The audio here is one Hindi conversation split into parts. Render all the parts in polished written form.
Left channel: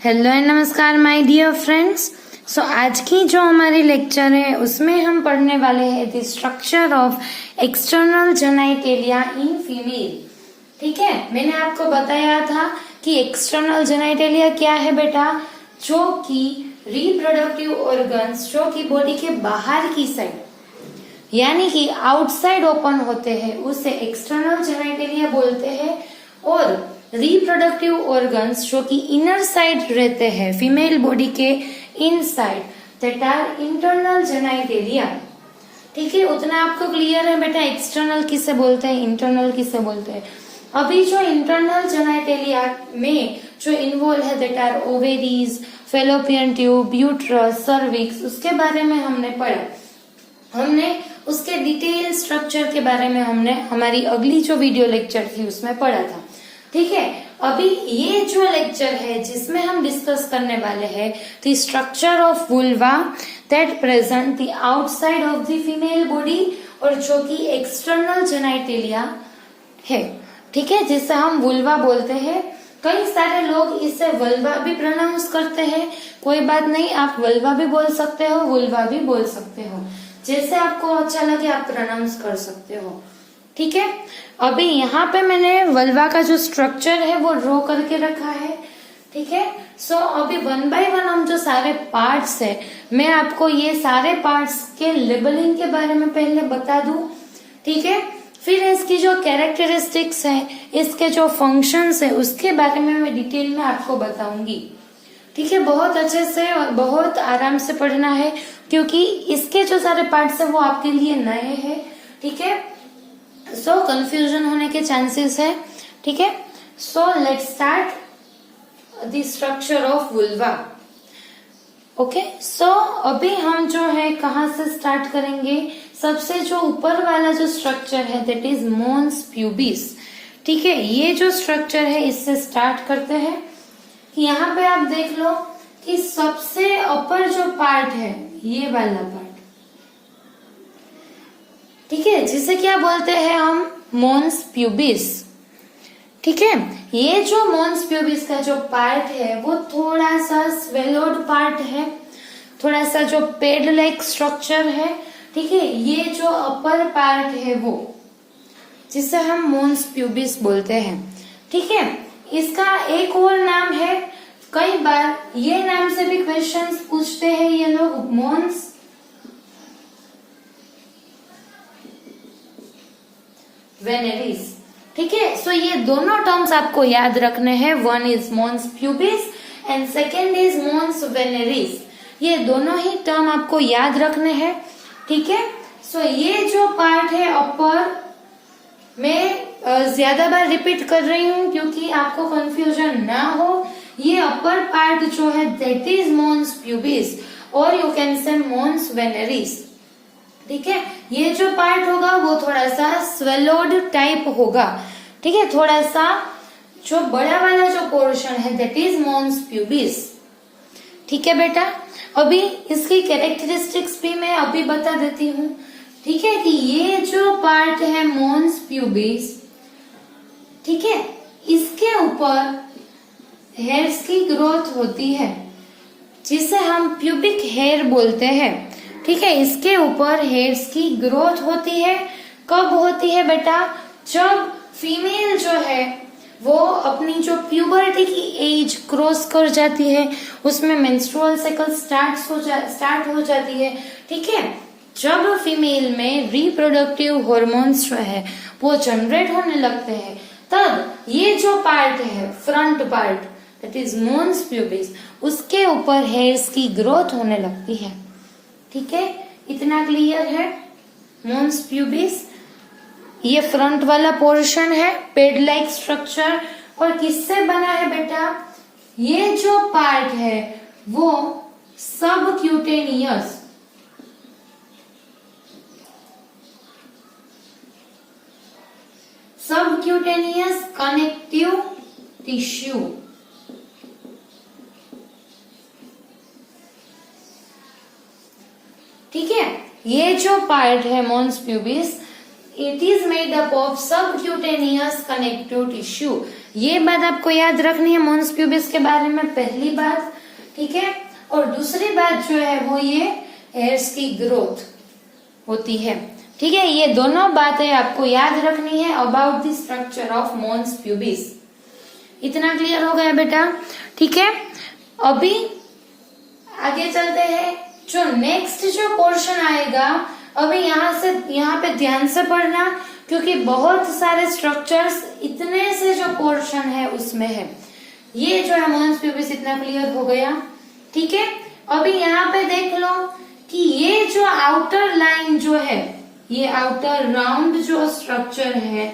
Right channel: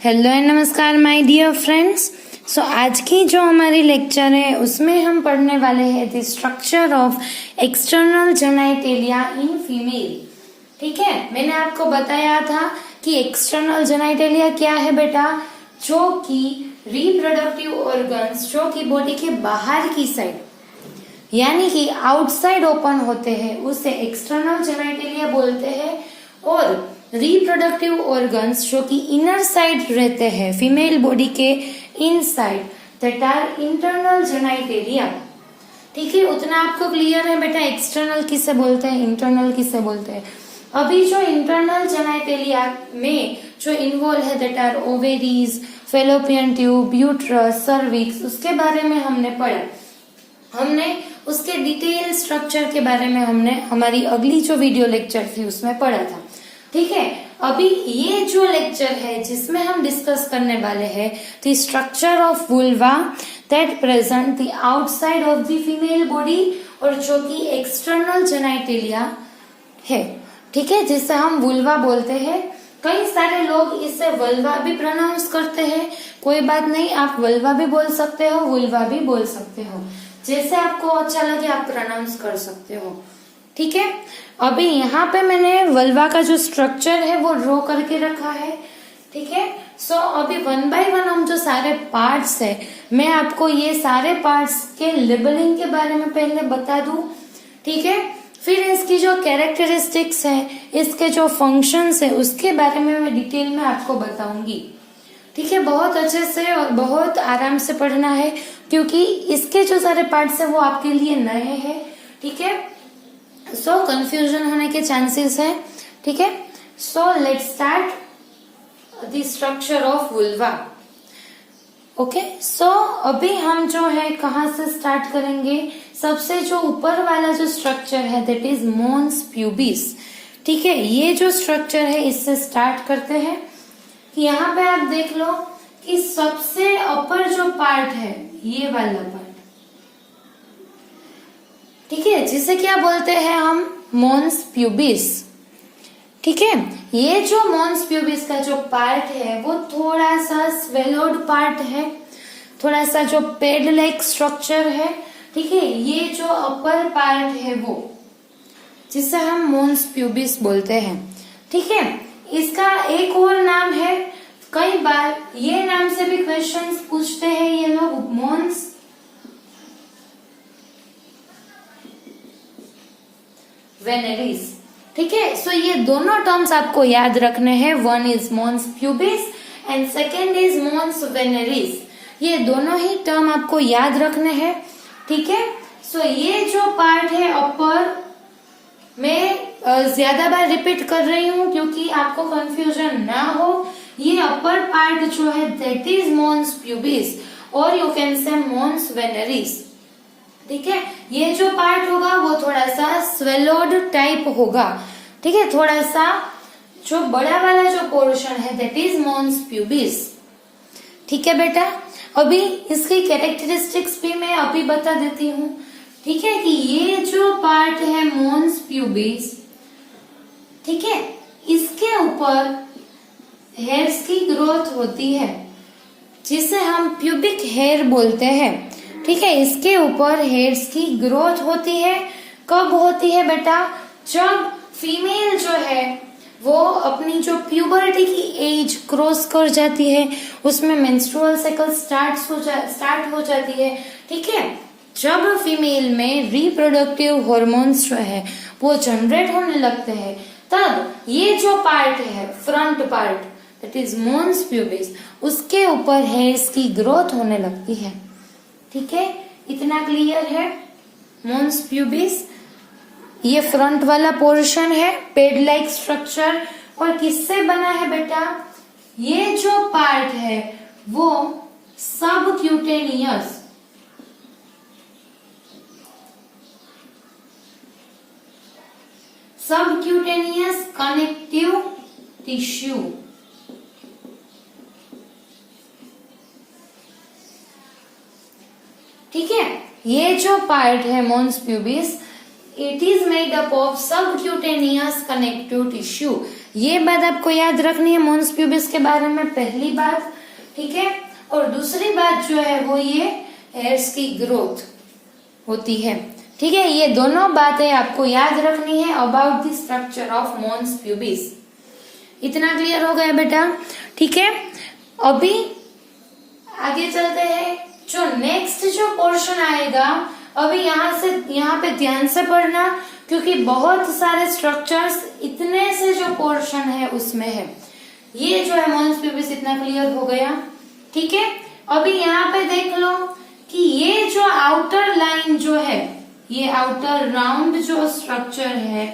हेलो एंड नमस्कार माय डियर फ्रेंड्स। सो आज की जो हमारी लेक्चर है उसमें हम पढ़ने वाले हैं the structure of external genitalia in female. ठीक है, मैंने आपको बताया था कि एक्सटर्नल जेनाइटेलिया क्या है बेटा, जो कि रिप्रोडक्टिव ऑर्गन्स जो कि बॉडी के बाहर की साइड यानी कि आउटसाइड ओपन होते हैं उसे एक्सटर्नल जेनाइटेलिया बोलते हैं, और रिप्रोडक्टिव ऑर्गन्स जो कि इनर साइड रहते हैं फीमेल बॉडी के inside that are internal genitalia. ठीक है, उतना आपको क्लियर है बेटा एक्सटर्नल किसे बोलते हैं, इंटरनल किसे बोलते हैं। अभी जो इंटरनल जेनाइटेलिया में जो इन्वॉल्व है that are ovaries, fallopian tube, uterus, cervix, उसके बारे में हमने पढ़ा। हमने उसके डिटेल स्ट्रक्चर के बारे में हमने हमारी अगली जो वीडियो लेक्चर थी उसमें पढ़ा था। ठीक है, अभी ये जो लेक्चर है जिसमें हम डिस्कस करने वाले हैं the structure of vulva that present the outside of the female body, और जो कि एक्सटर्नल जेनाइटेलिया है। ठीक है, जिसे हम वुल्वा बोलते हैं। कई सारे लोग इसे वल्वा भी प्रोनाउंस करते हैं, कोई बात नहीं, आप वल्वा भी बोल सकते हो, वुल्वा भी बोल सकते हो, जैसे आपको अच्छा लगे आप प्रोनाउंस कर सकते हो। ठीक है, अभी यहाँ पे मैंने वल्वा का जो स्ट्रक्चर है वो ड्रॉ करके रखा है। ठीक है, सो अभी वन बाय वन हम जो सारे पार्ट्स है, मैं आपको ये सारे पार्ट्स के लेबलिंग के बारे में पहले बता दूं। ठीक है, फिर इसकी जो कैरेक्टरिस्टिक्स है, इसके जो फंक्शंस है, उसके बारे में मैं डिटेल में आपको बताऊंगी। ठीक है, बहुत अच्छे से और बहुत आराम से पढ़ना है क्योंकि इसके जो सारे पार्ट्स है वो आपके लिए नए हैं। ठीक है, सो कंफ्यूजन होने के चांसेस है। ठीक है, so let's start the structure of vulva. Okay, so अभी हम जो है कहाँ से स्टार्ट करेंगे, सबसे जो ऊपर वाला जो स्ट्रक्चर है दैट इज मोन्स प्यूबिस। ठीक है, ये जो स्ट्रक्चर है इससे स्टार्ट करते हैं। यहाँ पे आप देख लो कि सबसे अपर जो पार्ट है ये वाला पार्ट, ठीक है, जिसे क्या बोलते हैं हम, मोन्स प्यूबिस। ठीक है, ये जो मोन्स प्यूबिस का जो पार्ट है वो थोड़ा सा स्वेलोड पार्ट है, थोड़ा सा जो पेड लाइक स्ट्रक्चर है। ठीक है, ये जो अपर पार्ट है वो जिसे हम मोन्स प्यूबिस बोलते हैं। ठीक है, इसका एक और नाम है, कई बार ये नाम से भी क्वेश्चंस पूछते हैं ये लोग, मोन्स वेनेरिस। ठीक है, सो ये दोनों टर्म्स आपको याद रखने हैं, one is mons pubis and second is mons veneris. ये दोनों ही टर्म आपको याद रखने हैं। ठीक है, सो ये जो पार्ट है अपर, मैं ज्यादा बार रिपीट कर रही हूँ क्योंकि आपको कंफ्यूजन ना हो। ये अपर पार्ट जो है दैट इज मोन्स प्यूबिस और यू कैन से मोन्स वेनेरिस। ठीक है, ये जो पार्ट होगा वो थोड़ा सा स्वेलोड टाइप होगा। ठीक है, थोड़ा सा जो बड़ा वाला जो पोर्शन है दैट इज मोन्स प्यूबिस। ठीक है बेटा, अभी इसकी कैरेक्टरिस्टिक्स भी मैं अभी बता देती हूँ। ठीक है, कि ये जो पार्ट है मोन्स प्यूबिस, ठीक है, इसके ऊपर हेयर्स की ग्रोथ होती है जिसे हम प्यूबिक हेयर बोलते हैं। ठीक है, इसके ऊपर हेयर्स की ग्रोथ होती है। कब होती है बेटा, जब फीमेल जो है वो अपनी जो प्यूबर्टी की एज क्रॉस कर जाती है, उसमें मेंस्ट्रुअल साइकिल स्टार्ट हो जाती है। ठीक है, जब फीमेल में रिप्रोडक्टिव हार्मोन्स जो है वो जनरेट होने लगते हैं, तब ये जो पार्ट है front part that is mons pubis, उसके ऊपर हेयर्स की ग्रोथ होने लगती है। ठीक है, इतना क्लियर है। मोन्स प्यूबिस ये फ्रंट वाला पोर्शन है, पेड लाइक स्ट्रक्चर, और किससे बना है बेटा, ये जो पार्ट है वो सबक्यूटेनियस कनेक्टिव टिश्यू। ठीक है, ये जो पार्ट है mons pubis, it is made up of subcutaneous connective tissue. ये बात आपको याद रखनी है मोन्स प्यूबिस के बारे में, पहली बात, ठीक है। और दूसरी बात जो है वो ये हेयर्स की ग्रोथ होती है, ठीक है। ये दोनों बातें आपको याद रखनी है about the structure of mons pubis. इतना क्लियर हो गया बेटा, ठीक है। अभी आगे चलते हैं, जो नेक्स्ट जो पोर्शन आएगा, अभी यहाँ पे ध्यान से पढ़ना, क्योंकि बहुत सारे स्ट्रक्चर्स इतने से जो पोर्शन है उसमें है। ये जो है मोन्स प्यूबिस इतना क्लियर हो गया, ठीक है। अभी यहाँ पे देख लो कि ये जो आउटर लाइन जो है, ये आउटर राउंड जो स्ट्रक्चर है,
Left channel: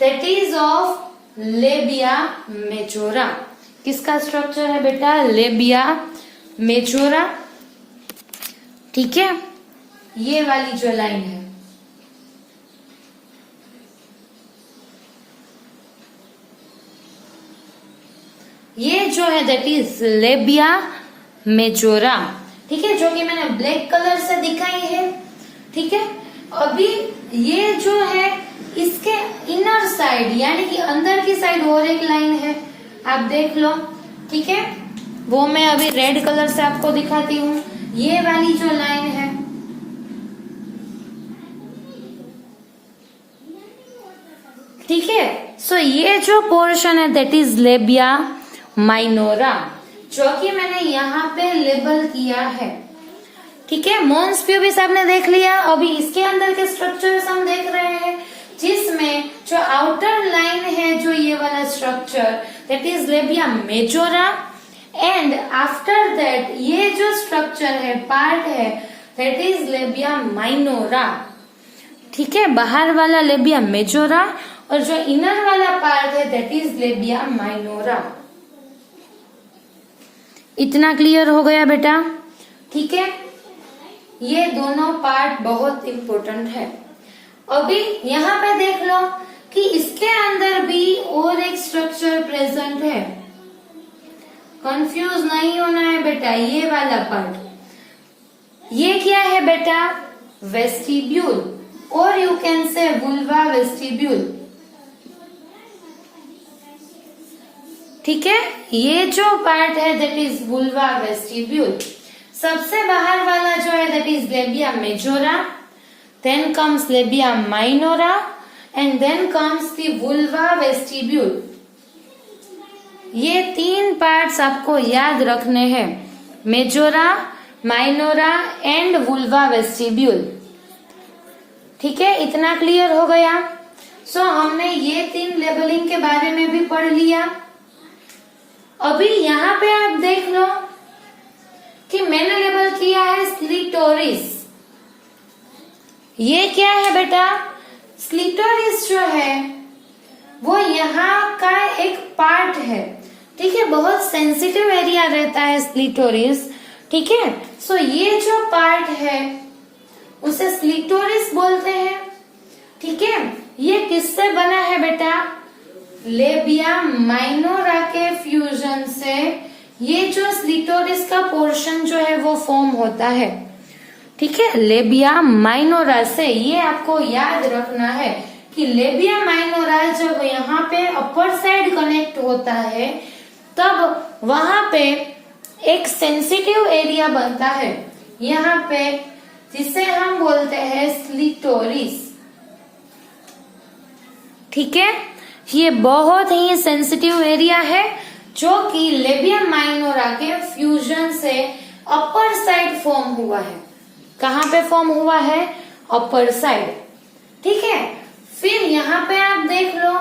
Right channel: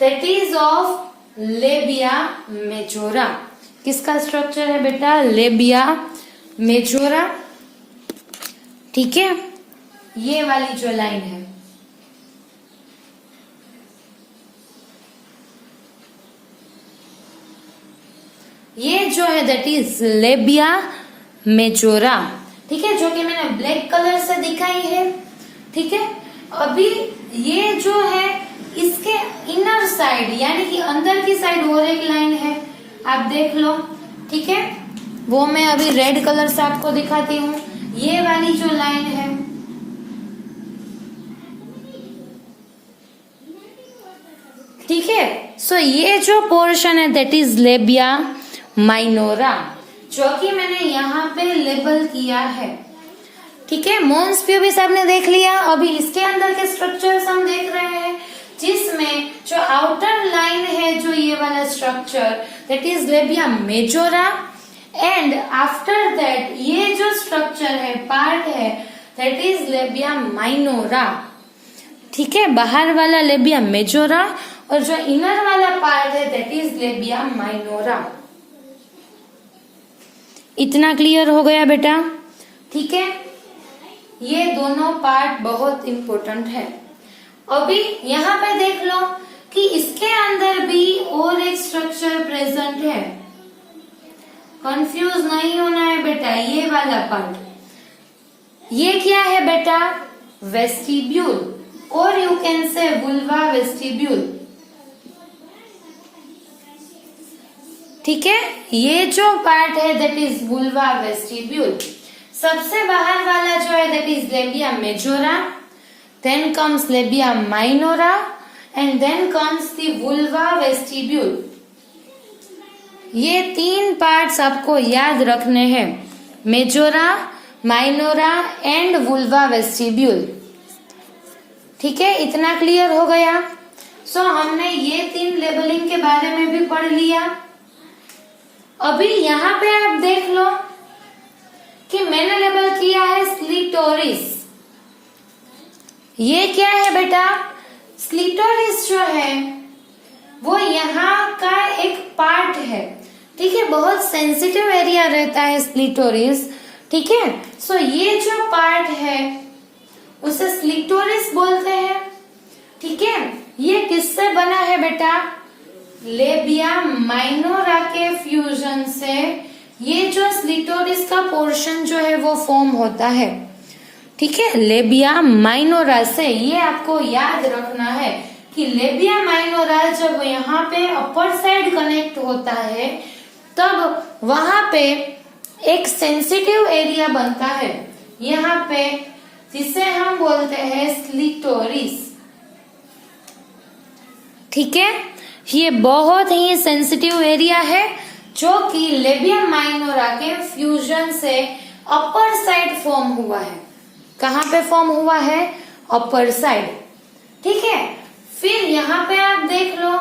that is of labia majora. किसका स्ट्रक्चर है बेटा? लेबिया मेजोरा, ठीक है। ये वाली जो लाइन है, ये जो है दैट इज लेबिया मेजोरा, ठीक है, जो कि मैंने ब्लैक कलर से दिखाई है, ठीक है। अभी ये जो है इसके इनर साइड यानी कि अंदर की साइड और एक लाइन है, आप देख लो, ठीक है। वो मैं अभी रेड कलर से आपको दिखाती हूँ। ये वाली जो लाइन है, ठीक है। सो ये जो पोर्शन है दैट इज लेबिया माइनोरा, जो कि मैंने यहाँ पे लेबल किया है, ठीक है। मोन्स प्यूबिस आपने देख लिया। अभी इसके अंदर के स्ट्रक्चर्स हम देख रहे हैं, जिसमें जो आउटर लाइन है, जो ये वाला structure that is labia majora, and after that ये जो स्ट्रक्चर है, पार्ट है, दैट इज लेबिया माइनोरा, ठीक है। बाहर वाला लेबिया मेजोरा और जो इनर वाला पार्ट है दैट इज लेबिया माइनोरा। इतना क्लियर हो गया बेटा, ठीक है। ये दोनों पार्ट बहुत इंपॉर्टेंट है। अभी यहाँ पे देख लो कि इसके अंदर भी और एक स्ट्रक्चर प्रेजेंट है। कंफ्यूज नहीं होना है बेटा, ये वाला पार्ट, ये क्या है बेटा? वेस्टिब्यूल, और यू कैन से वुल्वा वेस्टिब्यूल, ठीक है। ये जो पार्ट है दैट इज वुल्वा वेस्टिब्यूल। सबसे बाहर वाला जो है that is labia majora, then comes labia minora and then comes the vulva vestibule. ये तीन पार्ट्स आपको याद रखने हैं, majora, minora and vulva vestibule, ठीक है। इतना क्लियर हो गया। सो हमने ये तीन लेबलिंग के बारे में भी पढ़ लिया। अभी यहाँ पे आप देख लो कि मैंने लेबल किया है स्क्लिटोरिस। ये क्या है बेटा? स्क्लिटोरिस जो है वो यहाँ का एक पार्ट है, ठीक है। बहुत सेंसिटिव एरिया रहता है स्क्लिटोरिस, ठीक है। सो ये जो पार्ट है उसे स्क्लिटोरिस बोलते हैं, ठीक है। ये किससे बना है बेटा? लेबिया माइनोरा के फ्यूजन से ये जो स्क्लिटोरिस का पोर्शन जो है वो फॉर्म होता है, ठीक है, लेबिया माइनोरा से। ये आपको याद रखना है कि लेबिया माइनोरा जब यहाँ पे अपर साइड कनेक्ट होता है तब वहां पे एक सेंसिटिव एरिया बनता है यहाँ पे, जिसे हम बोलते हैं स्क्लिटोरिस, ठीक है। ये बहुत ही सेंसिटिव एरिया है जो कि लेबिया माइनोरा के फ्यूजन से अपर साइड फॉर्म हुआ है। कहाँ पे फॉर्म हुआ है? अपर साइड, ठीक है। फिर यहाँ पे आप देख लो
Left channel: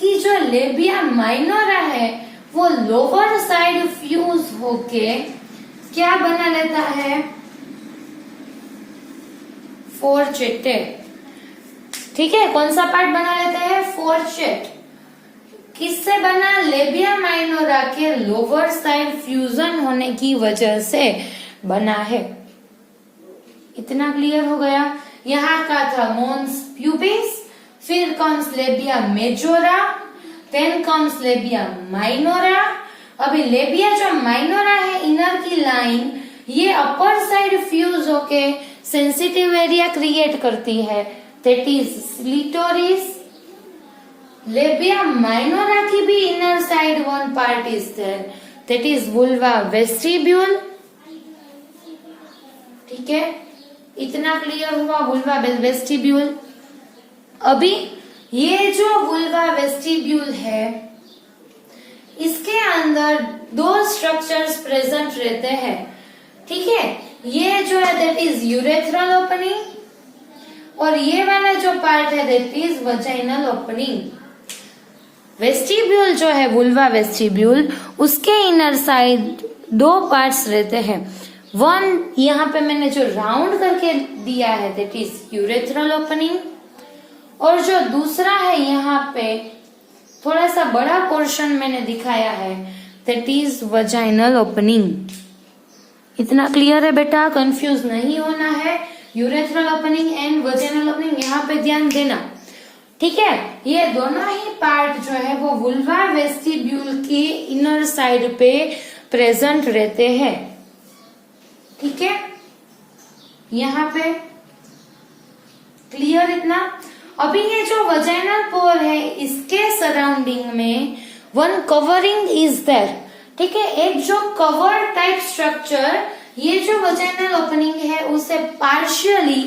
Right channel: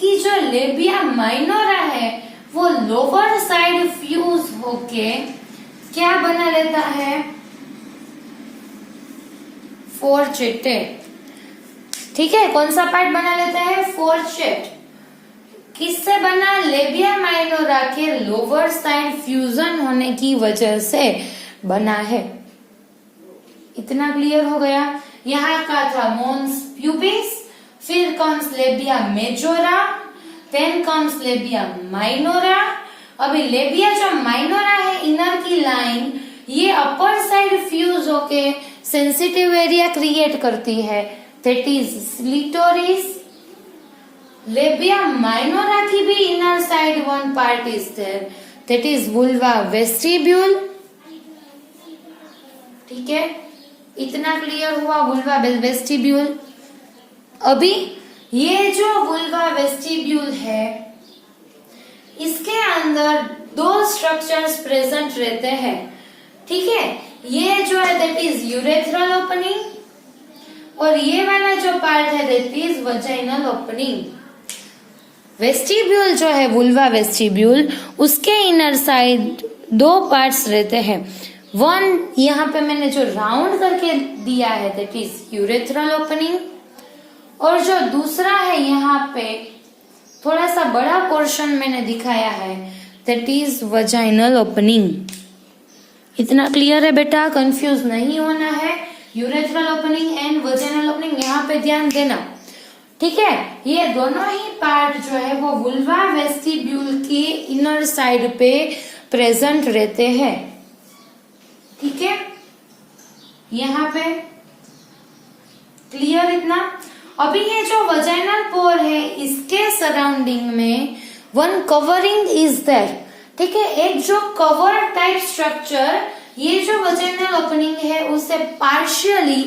कि जो लेबिया माइनोरा है वो लोअर साइड फ्यूज होके क्या बना लेता है? फोर्चेटेड, ठीक है। कौन सा पार्ट बना लेता है? फोर्चेट। किससे बना? लेबिया माइनोरा के लोअर साइड फ्यूजन होने की वजह से बना है। इतना क्लियर हो गया। यहाँ का था मोन्स प्यूबिस, फिर comes labia majora, then comes labia minora. अभी लेबिया जो माइनोरा है, इनर की लाइन, ये अपर साइड फ्यूज होके सेंसिटिव एरिया क्रिएट करती है, that is clitoris. Labia minora की भी inner side one part is there, that is vulva vestibule. ठीक है, इतना क्लियर हुआ vulva vestibule. अभी ये जो vulva vestibule है, इसके अंदर दो स्ट्रक्चर्स प्रेजेंट रहते हैं. ठीक है, ये जो है दैट इज यूरेथ्रल ओपनिंग और ये वाला जो पार्ट है that is vaginal opening. Vestibule जो है वुल्वा वेस्टिब्यूल, उसके इनर साइड दो पार्ट्स रहते हैं. वन यहाँ पे मैंने जो राउंड करके दिया है दैट इज यूरेथ्रल ओपनिंग, और जो दूसरा है यहाँ पे थोड़ा सा बड़ा पोर्शन मैंने दिखाया है दैट इज वजाइनल ओपनिंग. इतना क्लियर है बेटा, कंफ्यूज नहीं होना है. Urethral opening and vaginal opening यहाँ पे ध्यान देना. ठीक है, ये दोनों ही पार्ट जो है वो वुल्वा वेस्टिब्यूल की इनर साइड पे प्रेजेंट रहते हैं. ठीक है, यहाँ पे क्लियर इतना. अभी ये जो वजाइनल पोर है इसके सराउंडिंग में वन कवरिंग इज देयर. ठीक है, एक जो कवर टाइप स्ट्रक्चर ये जो वजाइनल ओपनिंग है उसे पार्शियली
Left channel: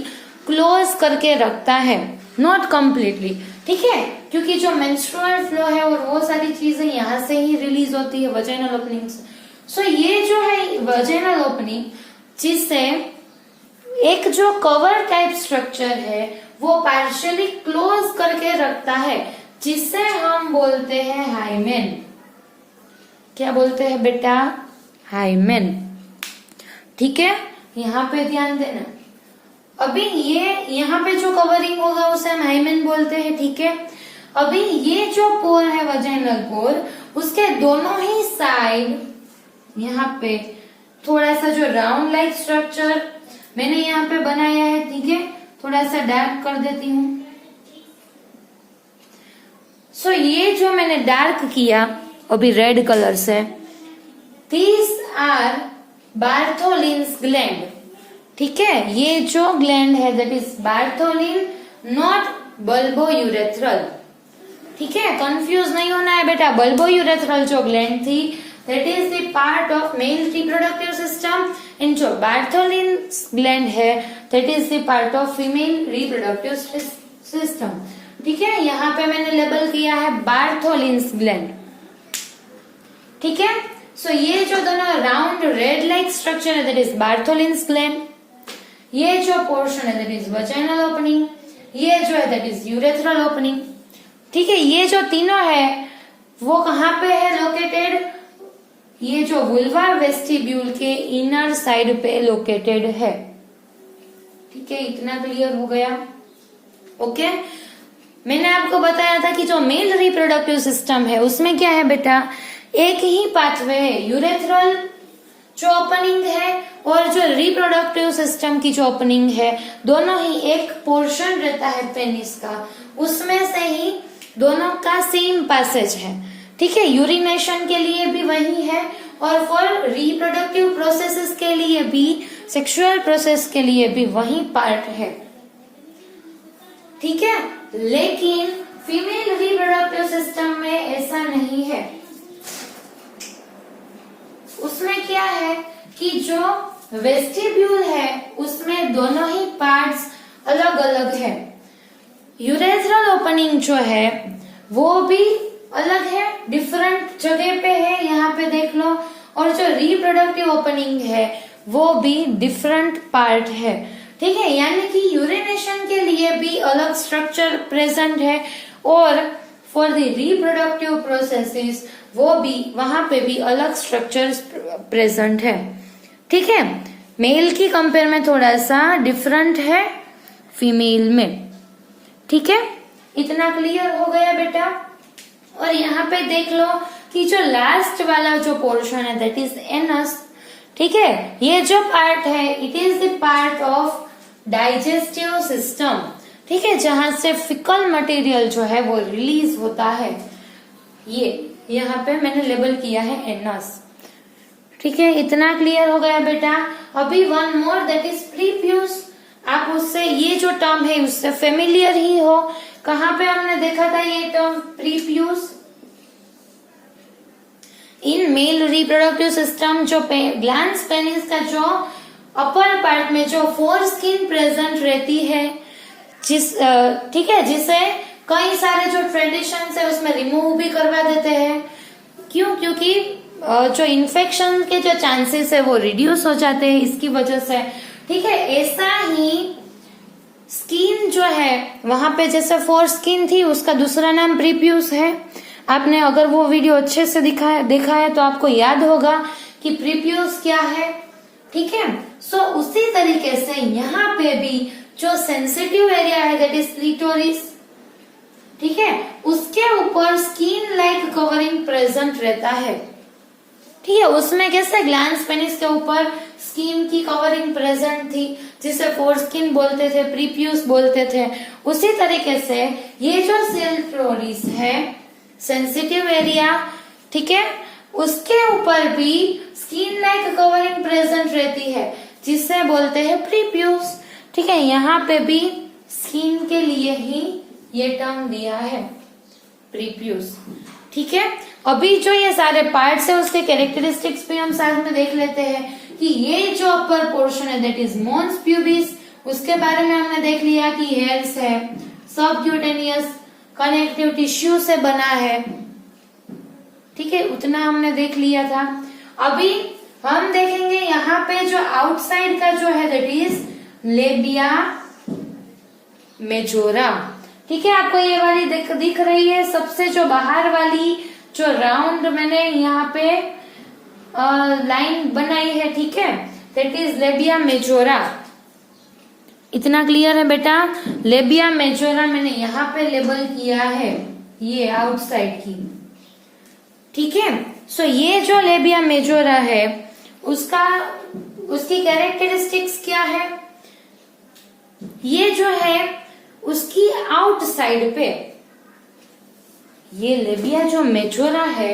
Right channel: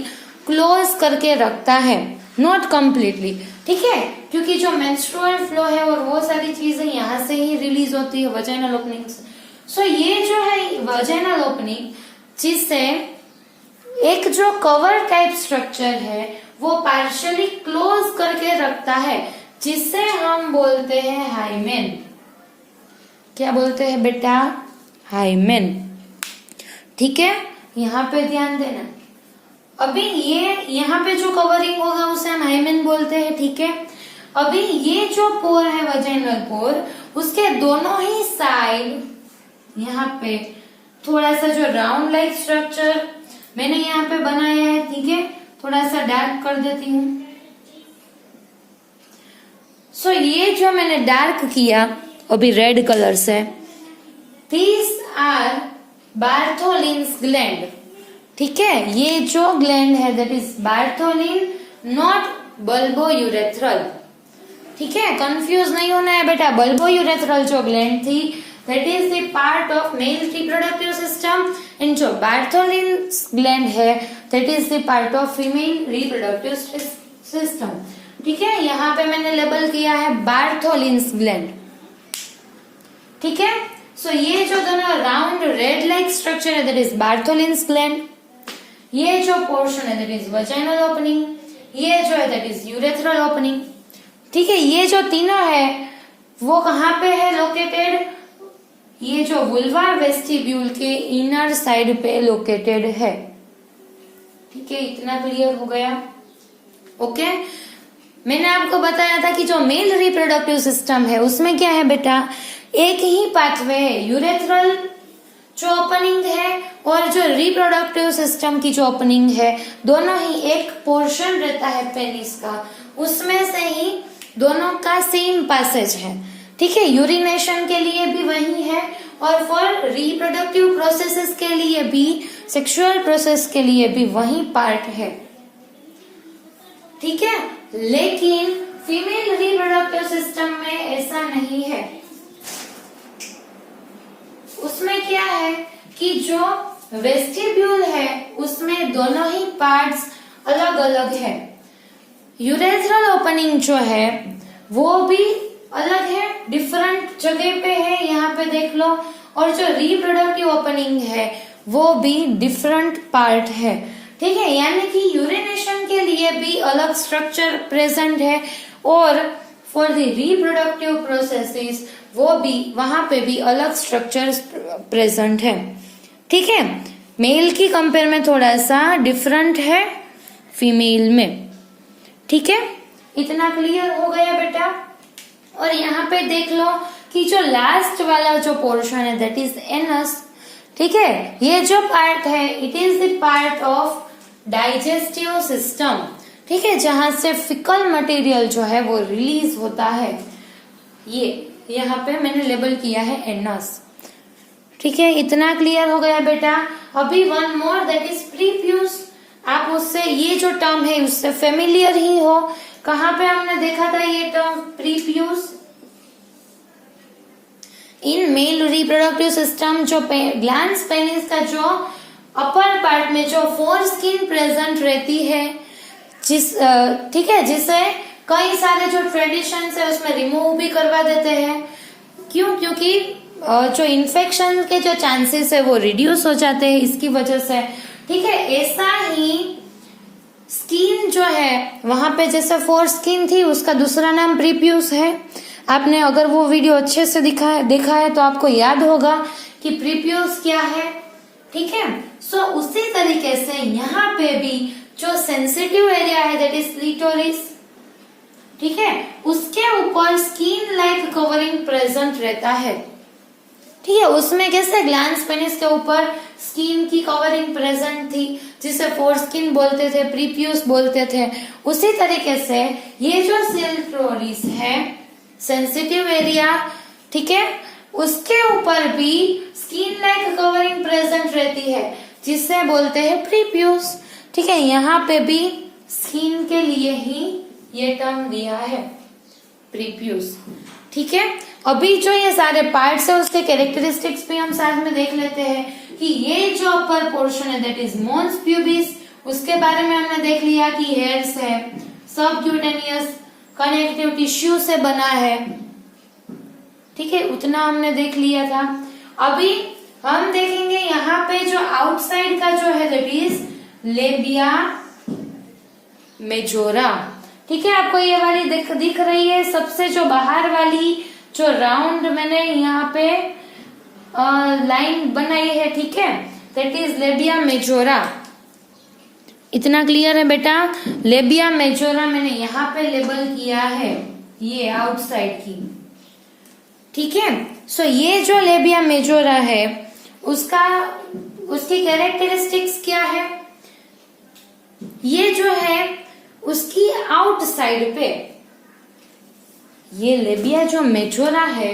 क्लोज करके रखता है, नॉट कंप्लीटली. ठीक है, क्योंकि जो मेंस्ट्रुअल फ्लो है और वो सारी चीजें यहाँ से ही रिलीज होती है वजाइनल ओपनिंग से. सो ये जो है वजाइनल ओपनिंग, जिससे एक जो कवर टाइप स्ट्रक्चर है वो पार्शियली क्लोज करके रखता है, जिससे हम बोलते हैं हाइमेन. क्या बोलते हैं बेटा? हाइमेन. ठीक है, यहाँ पे ध्यान देना. अभी ये यहाँ पे जो कवरिंग होगा उसे हम हाइमेन बोलते हैं. ठीक है, अभी ये जो पोर है वजाइनल पोर, उसके दोनों ही साइड यहाँ पे थोड़ा सा जो राउंड लाइक स्ट्रक्चर मैंने यहाँ पे बनाया है. ठीक है, थोड़ा सा डार्क कर देती हूँ. सो ये जो मैंने डार्क किया अभी रेड कलर से, दीज आर बार्थोलिन्स ग्लैंड. ठीक है, ये जो ग्लैंड है that is Bartholin, not bulbo urethral. ठीक है, कंफ्यूज नहीं होना है बेटा. बल्बो यूरेथ्रल जो ग्लैंड थी that is the part of male reproductive system, and जो बार्थोलिन ग्लैंड है that is the part of female reproductive system. ठीक है, यहाँ पे मैंने लेबल किया है बार्थोलिन्स ग्लैंड. ठीक है, सो ये जो दोनों राउंड रेड लाइक स्ट्रक्चर है दैट इज बार्थोलिन्स ग्लैंड. ये जो पोर्शन है दैट इज वजाइनल ओपनिंग, ये जो है दैट इज यूरेथ्रल ओपनिंग. ठीक है, ये जो तीनों है वो कहाँ पे है लोकेटेड? ये जो वुल्वा वेस्टिब्यूल के इनर साइड पे लोकेटेड है. ठीक है, इतना क्लियर हो गया. ओके, मैंने आपको बताया था कि जो मेल रिप्रोडक्टिव सिस्टम है उसमें क्या है बेटा, एक ही पाथवे है. यूरेथ्रल जो ओपनिंग है और जो रिप्रोडक्टिव सिस्टम की जो ओपनिंग है, दोनों ही एक पोर्शन रहता है पेनिस का, उसमें से ही दोनों का सेम पैसेज है. ठीक है, यूरिनेशन के लिए भी वही है और फॉर रिप्रोडक्टिव प्रोसेसेस के लिए भी, सेक्सुअल प्रोसेस के लिए भी वही पार्ट है. ठीक है, लेकिन फीमेल रिप्रोडक्टिव सिस्टम में ऐसा नहीं है. उसमें क्या है कि जो वेस्टिब्यूल है उसमें दोनों ही पार्ट्स अलग अलग है. यूरेथ्रल ओपनिंग जो है वो भी अलग है, डिफरेंट जगह पे है, यहाँ पे देख लो. और जो रिप्रोडक्टिव ओपनिंग है वो भी डिफरेंट पार्ट है. ठीक है, यानी कि यूरिनेशन के लिए भी अलग स्ट्रक्चर प्रेजेंट है और फॉर द रिप्रोडक्टिव प्रोसेसेस वो भी, वहां पे भी अलग स्ट्रक्चर प्रेजेंट है. ठीक है, मेल की कंपेयर में थोड़ा सा डिफरेंट है फीमेल में. ठीक है, इतना क्लियर हो गया बेटा. और यहाँ पे देख लो कि जो लास्ट वाला जो पोर्शन है दैट इज एनस. ठीक है, ये जो पार्ट है it is the part of digestive system. ठीक है, जहां से फिकल मटेरियल जो है वो रिलीज होता है. ये यहाँ पे मैंने लेबल किया है एनस. ठीक है, इतना क्लियर हो गया बेटा. अभी वन मोर दैट इज प्रीफ्यूज. आप उससे ये जो टर्म है उससे फेमिलियर ही हो। कहाँ पे हमने देखा था ये term prepuce? In male reproductive system जो ग्लैंड्स पेनिस का जो अपर पार्ट में जो फोर स्किन प्रेजेंट रहती है, ठीक है, जिसे कई सारे जो ट्रेडिशंस है उसमें रिमूव भी करवा देते हैं। क्यों? क्योंकि जो इन्फेक्शन के जो चांसेस है वो रिड्यूस हो जाते हैं इसकी वजह से। ठीक है, ऐसा ही स्किन जो है वहां पे जैसे फोर स्किन थी उसका दूसरा नाम प्रीप्यूस है। आपने अगर वो वीडियो अच्छे से देखा है तो आपको याद होगा कि प्रीप्यूस क्या है। ठीक है, सो उसी तरीके से यहाँ पे भी जो सेंसिटिव एरिया है दैट इज क्लिटोरिस, ठीक है, उसके ऊपर स्किन लाइक कवरिंग प्रेजेंट रहता है। ठीक है, उसमें कैसे ग्लैंड्स पेनिस के ऊपर स्किन की कवरिंग प्रेजेंट थी जिसे फोर स्किन बोलते थे, प्रीप्यूस बोलते थे। उसी तरीके से ये जो क्लिटोरिस है सेंसिटिव एरिया, ठीक है, उसके ऊपर भी स्किन लाइक कवरिंग प्रेजेंट रहती है जिसे बोलते हैं प्रीप्यूस। ठीक है, यहाँ पे भी स्किन के लिए ही ये टर्म दिया है प्रीप्यूस। ठीक है, अभी जो ये सारे पार्ट्स है उसके कैरेक्टरिस्टिक्स भी हम साथ में देख लेते हैं कि ये जो अपर पोर्शन है दैट इज मॉन्स प्यूबिस, उसके बारे में हमने देख लिया कि हेयर्स है, सबक्यूटेनियस कनेक्टिव टिश्यू से बना है। ठीक है, उतना हमने देख लिया था। अभी हम देखेंगे यहाँ पे जो आउटसाइड का जो है दैट इज लेबिया मेजोरा। ठीक है, आपको ये वाली दिख रही है सबसे जो बाहर वाली जो राउंड मैंने यहाँ पे लाइन बनाई है, ठीक है, दैट इज लेबिया मेजोरा। इतना क्लियर है बेटा? लेबिया मेजोरा मैंने यहाँ पे लेबल किया है, ये आउटसाइड की। ठीक है, सो ये जो लेबिया मेजोरा है उसकी कैरेक्टरिस्टिक्स क्या है? ये जो है उसकी आउटसाइड पे ये लेबिया जो मेजोरा है,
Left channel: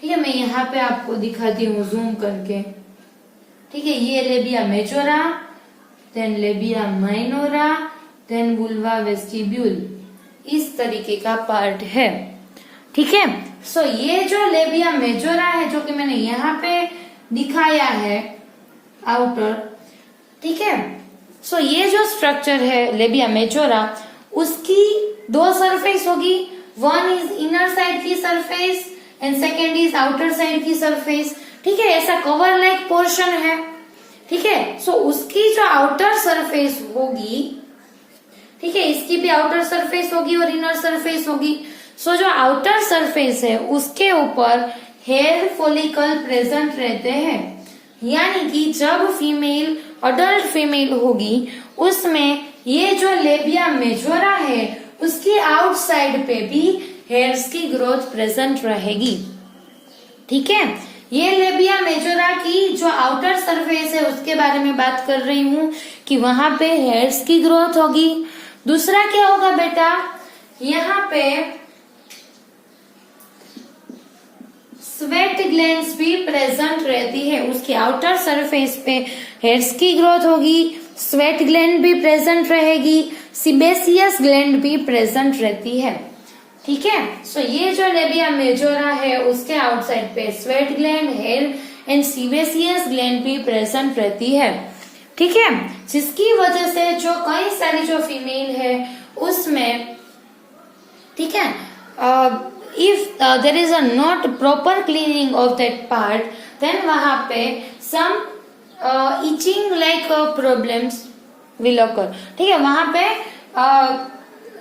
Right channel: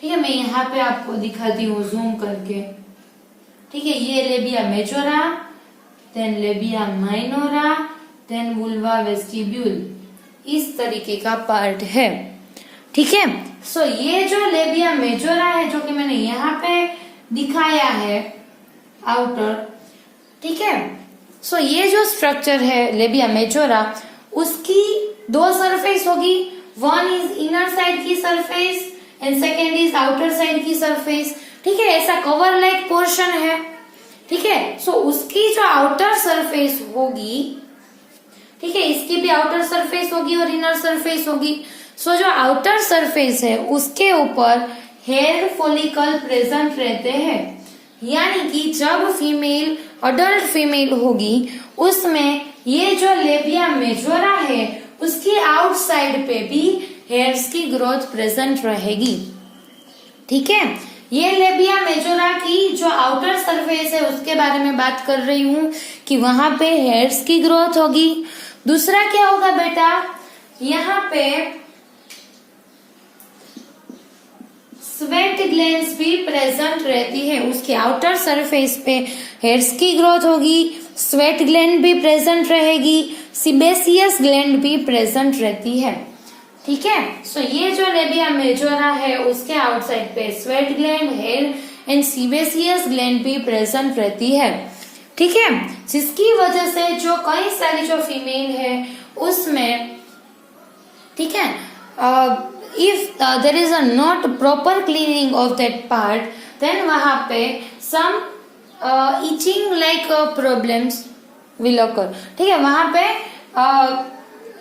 ठीक है, मैं यहाँ पे आपको दिखाती हूँ जूम करके। ठीक है, ये labia majora, then labia minora, then vulva vestibule, इस तरीके का पार्ट है। ठीक है, सो ये जो लेबिया मेजोरा है जो कि मैंने यहाँ पे दिखाया है आउटर, ठीक है, सो ये जो स्ट्रक्चर है लेबिया मेजोरा उसकी दो सरफेस होगी, वन इज इनर साइड की surface and second is outer side की सरफेस। ठीक है, ऐसा कवर लाइक पोर्शन है। ठीक है, सो उसकी जो आउटर सरफेस होगी, ठीक है, इसकी भी आउटर सरफेस होगी और इनर सरफेस होगी। सो जो आउटर सरफेस है उसके ऊपर हेयर फॉलिकल प्रेजेंट रहते हैं, यानी कि जब फीमेल अडल्ट फीमेल होगी उसमें ये जो लेबिया मेजोरा है उसकी आउटसाइड पे भी हेयर्स की ग्रोथ प्रेजेंट रहेगी। ठीक है, ये लेबिया मेजोरा की जो आउटर सरफेस है उसके बारे में बात कर रही हूँ कि वहां पे हेयर्स की ग्रोथ होगी। दूसरा क्या होगा बेटा? यहाँ पे स्वेट ग्लैंड्स भी प्रेजेंट रहती है, उसकी आउटर सरफेस पे हेयर्स की ग्रोथ होगी, स्वेट ग्लैंड भी प्रेजेंट रहेगी, सिबेसियस ग्लैंड भी प्रेजेंट रहती है। ठीक है, सो ये जो लेबिया मेजोरा है उसके आउटसाइड पे sweat gland, hair and sebaceous gland भी प्रेजेंट रहती है। ठीक है, जिसकी वजह से जो कई सारी जो फीमेल है उसमें, ठीक है, if there is a not proper cleaning of that part, then वहां पे some itching like problems will occur। ठीक है, वहां पे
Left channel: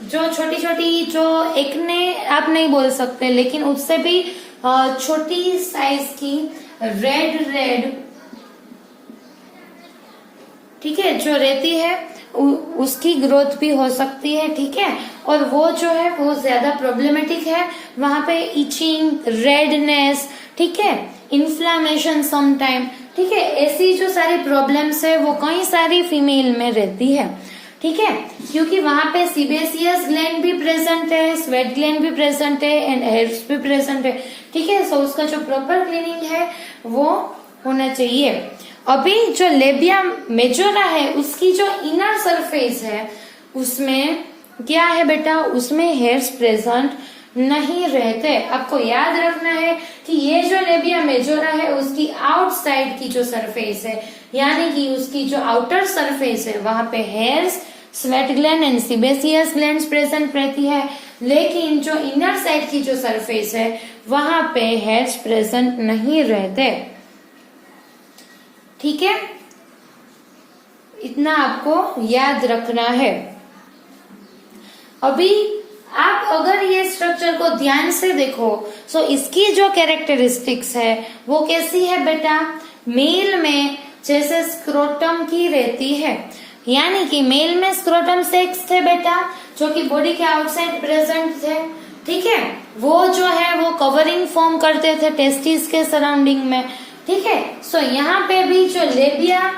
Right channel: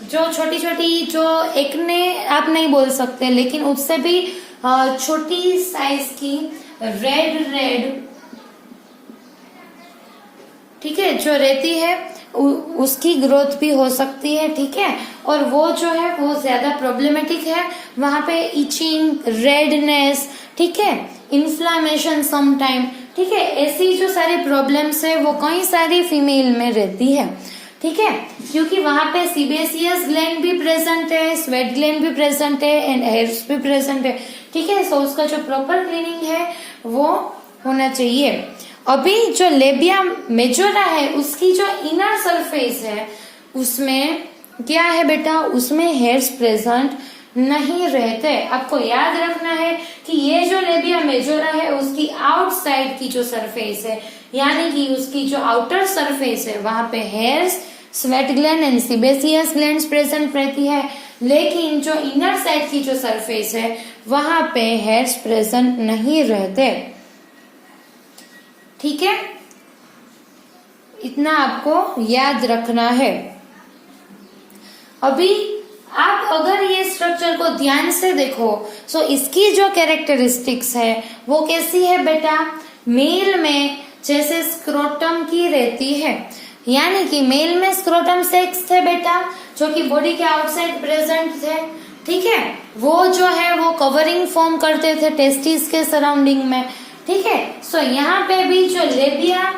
जो छोटी छोटी जो एक्ने आप नहीं बोल सकते लेकिन उससे भी छोटी साइज की रेड, ठीक है, जो रहती है उसकी ग्रोथ भी हो सकती है। ठीक है, और वो जो है वो ज्यादा प्रॉब्लमेटिक है, वहां पे इचिंग, रेडनेस, ठीक है, इन्फ्लामेशन समटाइम, ठीक है, ऐसी जो सारी प्रॉब्लम्स है वो कई सारी फीमेल में रहती है। ठीक है, क्योंकि वहां पे सिबेसियस ग्लैंड भी प्रेजेंट है, स्वेट ग्लैंड भी प्रेजेंट है एंड हेयर्स भी प्रेजेंट है। ठीक है, सो उसका जो प्रॉपर क्लीनिंग है वो होना चाहिए। अभी जो लेबिया मेजोरा है उसकी जो इनर सरफेस है उसमें क्या है बेटा, उसमें हेयर्स प्रेजेंट नहीं रहते। आपको याद रखना है कि ये जो लेबिया मेजोरा है उसकी आउटसाइड की जो सरफेस है, यानी कि उसकी जो आउटर सरफेस है वहां पे hairs, sweat gland and sebaceous glands present रहती है, लेकिन जो इनर साइड की जो सरफेस है वहां पे हेयर्स प्रेजेंट नहीं रहते। ठीक है, इतना आपको याद रखना है। अभी आप अगर ये स्ट्रक्चर को ध्यान से देखो तो इसकी जो कैरेक्टरिस्टिक्स है वो कैसी है बेटा, मेल में जैसे स्क्रोटम की रहती है, यानी कि मेल में स्क्रोटम सेक्स थे बेटा जो कि बॉडी के आउटसाइड प्रेजेंट थे। ठीक है, वो जो है वो कवरिंग फॉर्म करते थे टेस्टिस के सराउंडिंग में। ठीक है, सो यहाँ पे भी जो लेबिया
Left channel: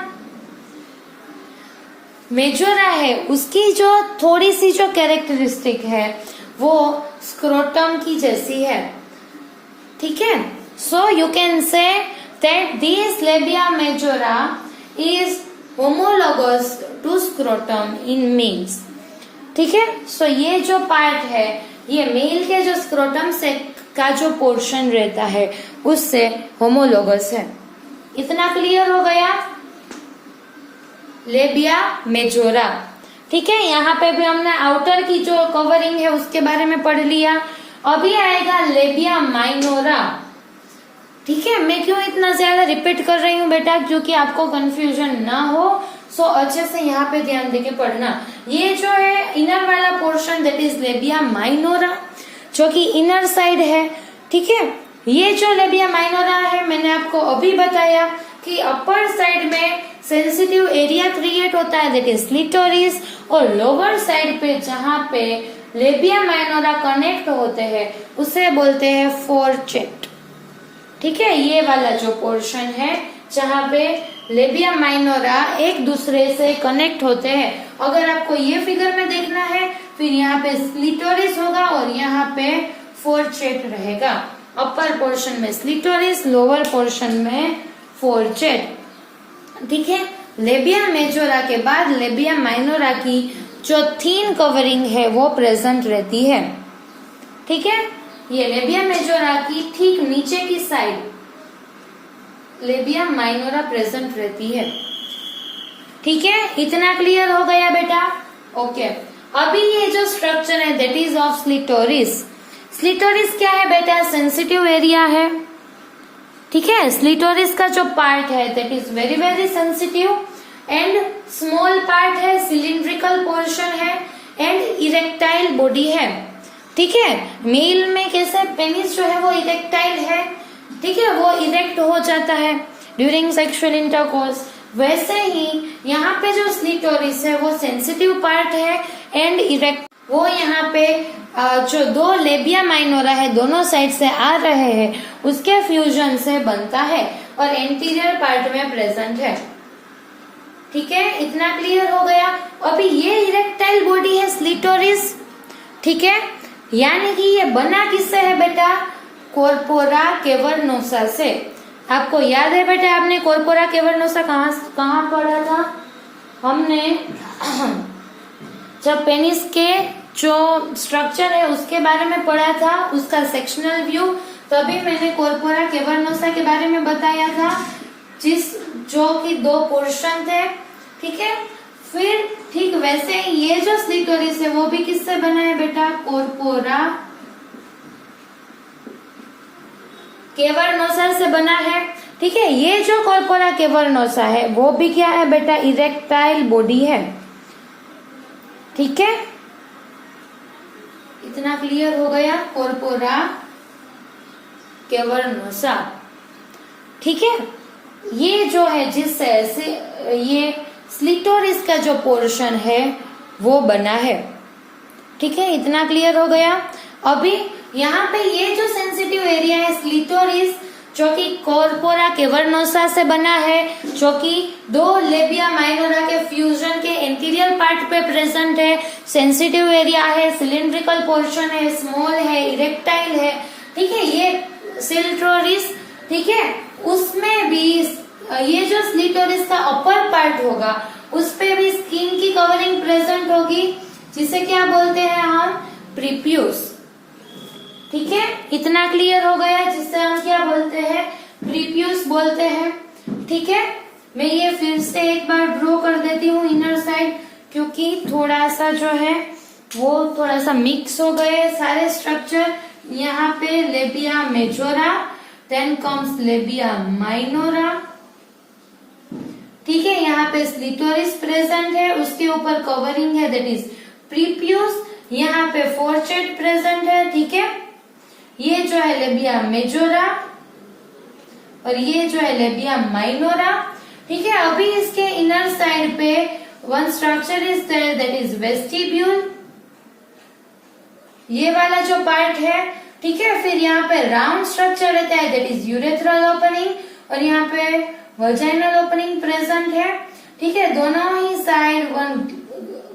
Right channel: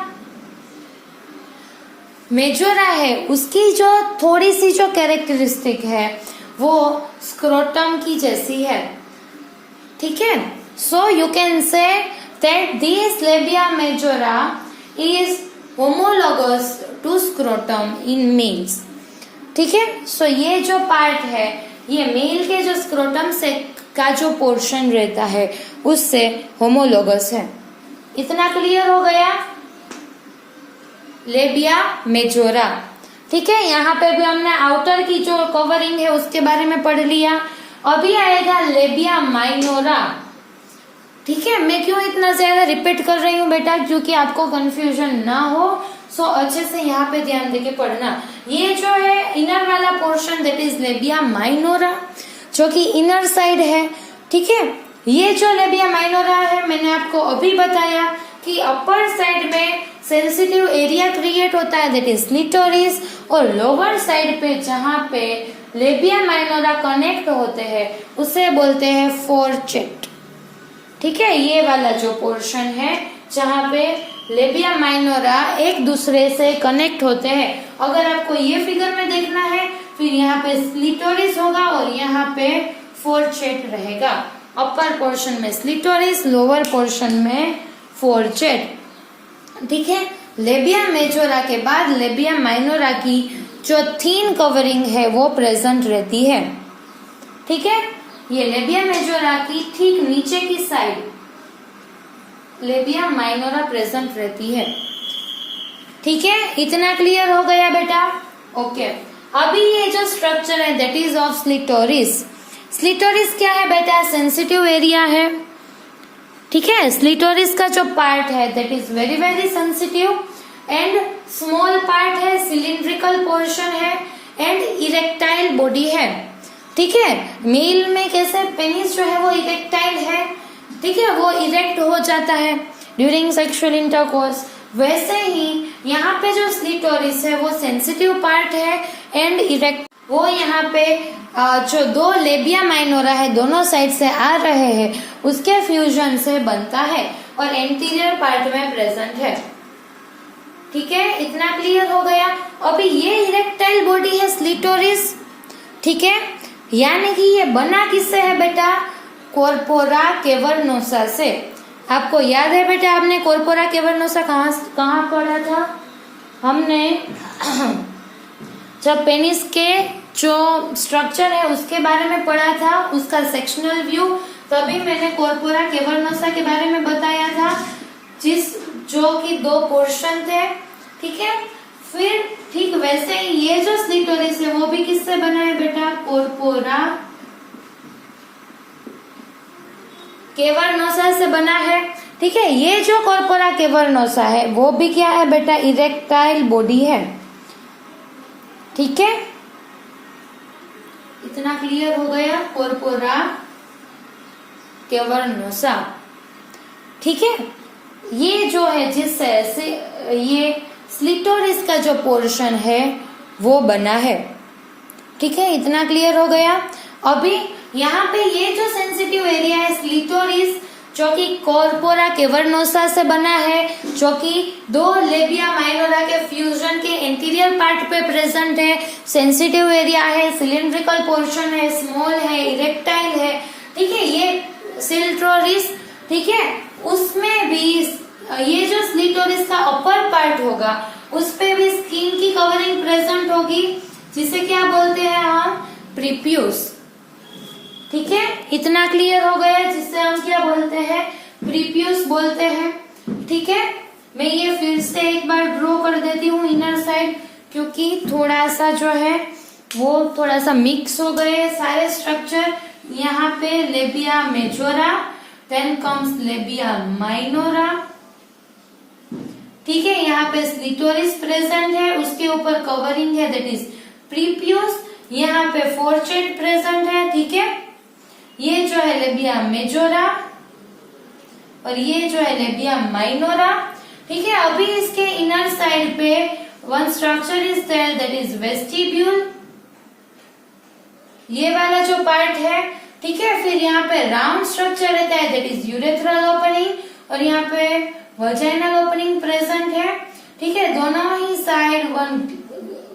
मेजोरा है उसकी जो थोड़ी सी जो कैरेक्टरिस्टिक है वो स्क्रोटम की जैसी है। ठीक है, so you can say that this labia majora is homologous to scrotum in males. ठीक है, सो ये जो पार्ट है ये मेल के जो स्क्रोटम से का जो पोर्शन रहता है उससे होमोलोगस है। इतना क्लियर हो गया लेबिया मेजोरा। ठीक है, यहाँ पे भी हमने आउटर की जो कवरिंग है उसके बारे में पढ़ लिया। अभी आएगा लेबिया माइनोरा। ठीक है, मैं क्यों इतना ज्यादा रिपीट कर रही हूँ बेटा, क्योंकि आपको कंफ्यूजन ना हो, सो अच्छे से यहाँ पे ध्यान देके पढ़ना। ये जो है इनर वाला portion that is labia minora जो कि इनर साइड है। ठीक है, ये जो लेबिया माइनोरा है मैंने आपको अभी बताया कि अपर साइड में सेंसिटिव एरिया क्रिएट होता है दैट इज क्लिटोरिस, और लोअर साइड पे जहाँ पे लेबिया माइनोरा कनेक्ट होते हैं उसे बोलते हैं फोरचेट। ठीक है, ये वाला जो पोर्शन है जहाँ पे लेबिया माइनोरा एक दूसरे से कनेक्ट होते हैं। अगर आपको ये फिगर में देखना है फिर यहाँ पे क्लिटोरिस होगा और यहाँ पे फोरचेट रहेगा। अपर पोर्शन में क्लिटोरिस, लोअर पोर्शन में फोरचेट। ठीक है, लेबिया मेजोरा के बाद लेबिया माइनोरा की जो थीन कवरिंग है वो प्रेजेंट रहती है। ठीक है, ये लेबिया मेजोरा की ठीक नीचे की साइड लेबिया माइनोरा प्रेजेंट रहती है। ठीक है, इतना क्लियर हो गया बेटा। ओके, अभी ये जो स्ट्रक्चर है दैट इज ऑफ स्लिटोरिस। स्लिटोरिस क्या है बेटा, सेंसिटिव एरिया है। ठीक है, स्लिटोरिस का जो पार्ट है that is very very sensitive and small part है, सिलिंड्रिकल पोर्शन है एंड इरेक्टाइल बॉडी है। ठीक है, मेल में कैसे पेनिस जो है वो इरेक्टाइल है। ठीक है, वो इरेक्ट हो जाता है ड्यूरिंग सेक्सुअल इंटरकोर्स, वैसे ही यहाँ पे जो स्लिटोरिस है वो सेंसिटिव पार्ट है एंड इरेक्ट। वो यहाँ पे जो दो लेबिया माइनोरा है दोनों साइड से आ रहे हैं उसके फ्यूजन से बनता है और एंटीरियर पार्ट में प्रेजेंट है। ठीक है, इतना क्लियर हो गया। अभी ये इरेक्टाइल बॉडी है स्लिटोरिस। ठीक है, यानी कि ये बना किससे है बेटा, कॉर्पोरा कैवर्नोसा से। आपको याद है बेटा, आपने कॉर्पोरा कैवर्नोसा कहाँ पढ़ा था, हमने जब पेनिस के जो स्ट्रक्चर है उसके बारे में पढ़ा था, उसका सेक्शनल व्यू, तभी मैंने कॉर्पोरा कैवर्नोसा के बारे में बताया था, जो कि दो पोर्शन थे। ठीक है, फिर ठीक वैसे ही ये जो स्लिटोरिस है वो भी किससे बना है बेटा, कॉर्पोरा कैवर्नोसा से बना है। ठीक है, ये जो कॉर्पोरा कैवर्नोसा है वो भी क्या है बेटा, इरेक्टाइल बॉडी है। ठीक है, इतना क्लियर हो गया, कॉर्पोरा कैवर्नोसा। ठीक है, ये जो है जिस से ये स्लिटोरिस का जो पोर्शन है वो बना है। ठीक है, इतना क्लियर हो गया। अभी यहाँ पे ये जो सेंसिटिव एरिया है स्लिटोरिस जो कि कॉर्पोरा कैवर्नोसा से बना है, जो कि दो लेबिया माइनोरा के फ्यूजन के एंटीरियर पार्ट पे प्रेजेंट है। सेंसिटिव एरिया है, सिलिंड्रिकल पोर्शन है, स्मॉल है, इरेक्टाइल है। ठीक है, ये स्लिटोरिस। ठीक है, उसमें भी ये जो स्लिटोरिस का अपर पार्ट होगा उस पे भी स्किन की कवरिंग प्रेजेंट होगी, जिसे क्या बोलते हैं हम, प्रीप्यूस। ठीक है, इतना क्लियर हो गया, जिससे हम क्या बोलते हैं, प्रीप्यूस बोलते हैं। ठीक है, मैं ये फिर से एक बार ड्रॉ कर देती हूँ इनर साइड, क्योंकि थोड़ा सा जो है वो थोड़ा सा मिक्स हो गए सारे स्ट्रक्चर। यहाँ पे labia majora, then comes labia minora. ठीक है, यहाँ पे क्लिटोरिस प्रेजेंट है, उसके ऊपर कवरिंग है, दैट इज प्रीप्यूस। यहाँ पे फोर्चेट प्रेजेंट है। ठीक है, ये जो है लेबिया मेजोरा और ये जो है लेबिया माइनोरा। ठीक है, अभी इसके इनर साइड पे one structure is there, that is vestibule, ये वाला जो पार्ट है। ठीक है, फिर यहाँ पे राउंड स्ट्रक्चर रहता है, दैट इज यूरेथ्रल ओपनिंग, और यहाँ पे वजाइनल ओपनिंग प्रेजेंट है। ठीक है, दोनों ही साइड वन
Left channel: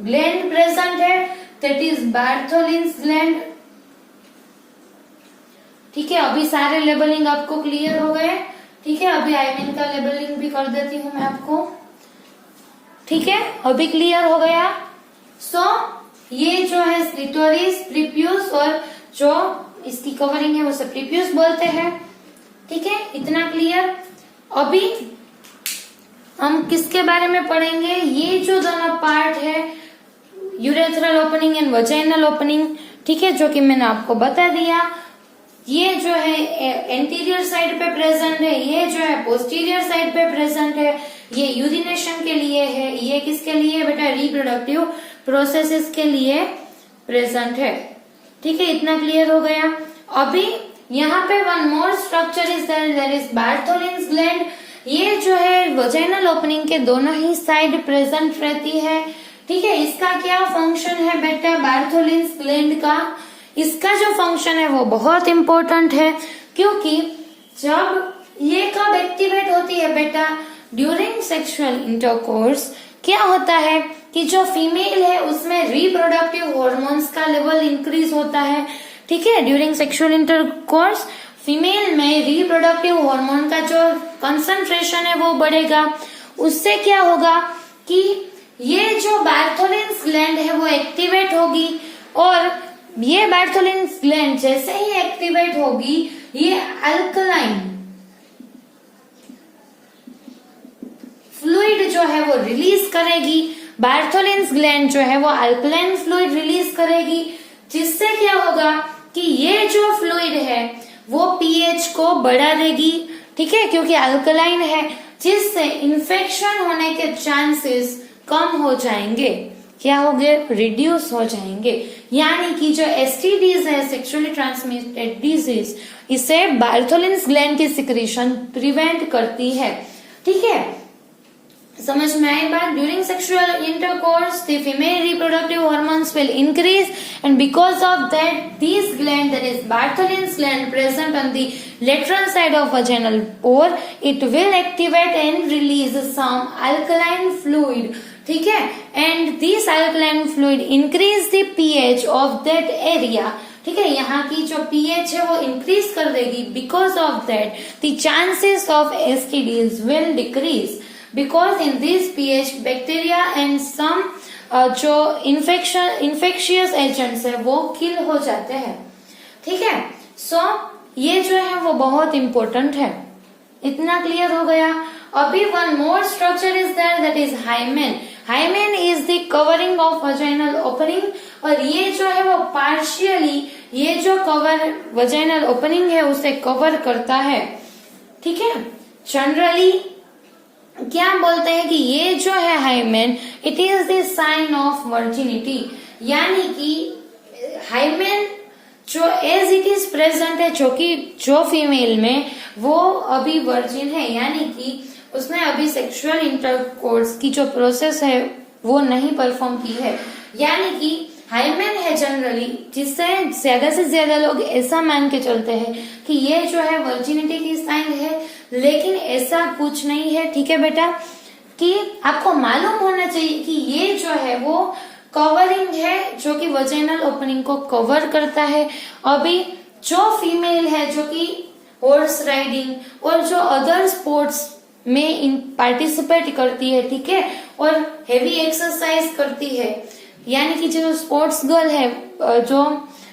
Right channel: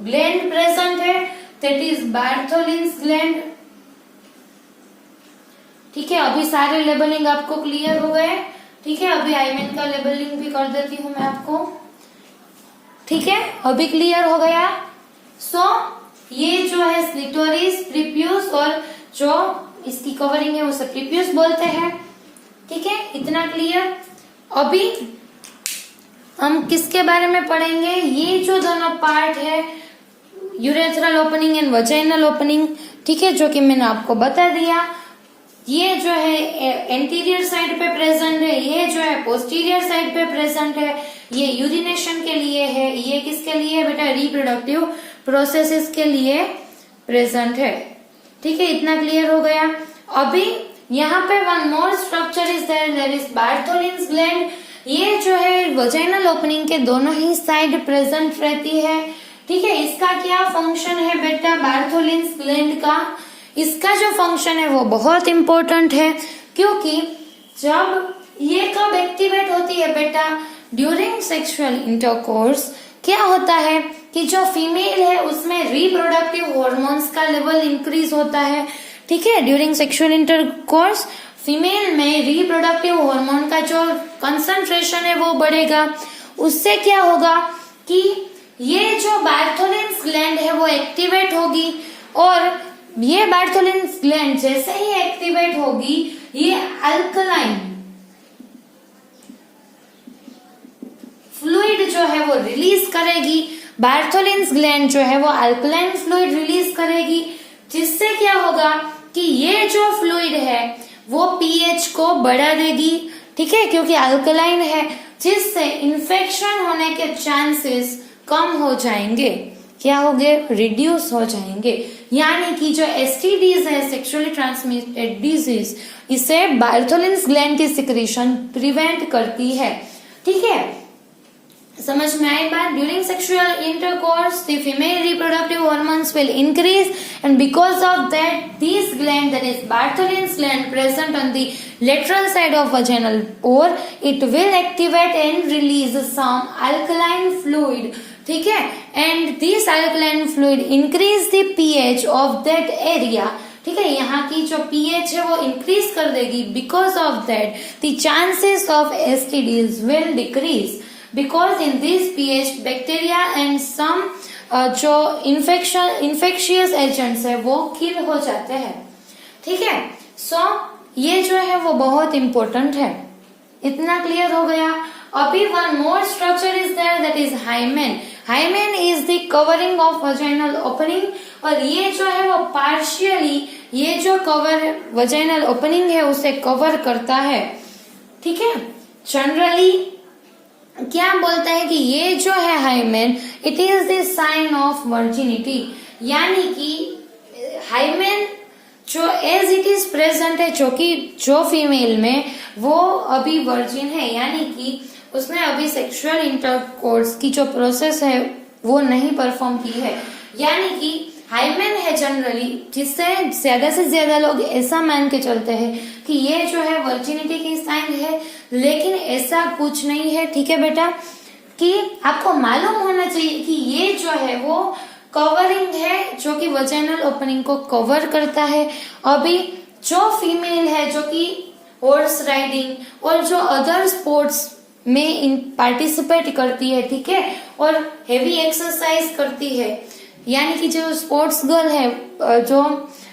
ग्लैंड प्रेजेंट है, दैट इज बार्थोलिन्स ग्लैंड। ठीक है, अभी सारे लेबलिंग आपको क्लियर हो गए। ठीक है, अभी आईमेन का लेबलिंग भी कर देती हूँ मैं आपको। ठीक है, अभी क्लियर हो गया। ये जो है क्लिटोरिस, प्रीप्यूस, और जो इसकी कवरिंग है उसे प्रीप्यूस बोलते हैं। ठीक है, इतना क्लियर। अभी हम किसके बारे में पढ़ेंगे, ये जो दोनों पार्ट है, urethral opening and vaginal opening. ठीक है, जो कि मैंने आपको बता दिया। ये जो है एंटीरियर साइड पे प्रेजेंट है, ये जो है पोस्टीरियर साइड पे प्रेजेंट है। ये यूरिनेशन के लिए है, ये किसके लिए बेटा, रिप्रोडक्टिव प्रोसेसेस के लिए प्रेजेंट है। ठीक है, इतना क्लियर हो गया। अभी यहाँ पे one more structure is there, that is Bartholin's gland. ये जो है वजाइनल ओपनिंग के दोनों ही साइड प्रेजेंट रहती है। ठीक है, इसका क्या फंक्शन है बेटा, बार्थोलिन्स ग्लैंड का, इसका जो फंक्शन है वो बहुत इंपॉर्टेंट है, क्योंकि जब ये कब एक्टिवेट होती है बेटा, ड्यूरिंग सेक्सुअल इंटरकोर्स। क्या होता है कि जो फीमेल है उसमें रिप्रोडक्टिव हॉर्मोन्स का लेवल इंक्रीज होता है। ठीक है, ड्यूरिंग सेक्सुअल इंटरकोर्स फीमेल में रिप्रोडक्टिव हार्मोन का जो कंसंट्रेशन है वो बढ़ेगा। उससे क्या होगा कि ये जो बार्थोलिन्स ग्लैंड है वो एक्टिवेट होगी, और ये बार्थोलिन्स ग्लैंड जैसे ही एक्टिवेट होगी, ये अल्कलाइन फ्लूइड जो है वो रिलीज करेगी। बार्थोलिन्स ग्लैंड जो है वो अल्कलाइन फ्लूइड रिलीज करेगी, जिससे क्या होगा कि ये जो फ्लूइड है वो पीएच को बढ़ा देगी। ठीक है, क्योंकि अल्कलाइन है, जिससे इन्फेक्शन होने के चांसेस कम हो जाएंगे। क्या हो गए, रिड्यूस हो जाएंगे। यानी कि जो एसटीडीज है, सेक्सुअली ट्रांसमिटेड डिजीज, इसे बार्थोलिन्स ग्लैंड की सिक्रीशन प्रिवेंट करती है। ठीक है, समझ में आई बात। During sexual intercourse the female reproductive hormones will increase, and because of that this gland, that is Bartholin's gland present on the lateral side of vaginal pore, it will activate and release some alkaline fluid. ठीक है, and this alkaline fluid increase the pH of that area. ठीक है, यहाँ की जो pH है वो इंक्रीज कर देगी। Because of that the chances of STDs will decrease, because in this pH bacteria and some जो infectious agents है वो किल हो जाते हैं। ठीक है, ये जो है वो बहुत इंपॉर्टेंट है। इतना क्लियर हो गया। अभी one more structure is there, that is hymen. Hymen is the covering of vaginal opening, और ये जो है वो पार्शियली ये जो कवर वजाइनल ओपनिंग है उसे कवर करता है। ठीक है, जनरली क्या बोलते हैं कि ये जो है hymen, it is the sign of virginity. यानी कि हाइमेन जो एज इट इज प्रेजेंट है, जो कि जो फीमेल में वो अभी वर्जिन है, यानी कि उसने अभी सेक्सुअल इंटरकोर्स की जो प्रोसेस है वो नहीं परफॉर्म की है। यानी कि हाइमेन है जनरली, जिससे ज्यादा से ज्यादा लोग ऐसा मान के चलते हैं कि ये जो है वर्जिनिटी की साइन है, लेकिन ऐसा कुछ नहीं है। ठीक है बेटा, कि आपको मालूम होना चाहिए कि ये जो है वो कवरिंग है, जो कि वजाइनल ओपनिंग को कवर करता है। अभी जो फीमेल है जो कि हॉर्स राइडिंग और जो अदर स्पोर्ट्स में पार्टिसिपेट करती है, ठीक है, और हेवी एक्सरसाइज करती है, यानी कि जो स्पोर्ट्स गर्ल है जो,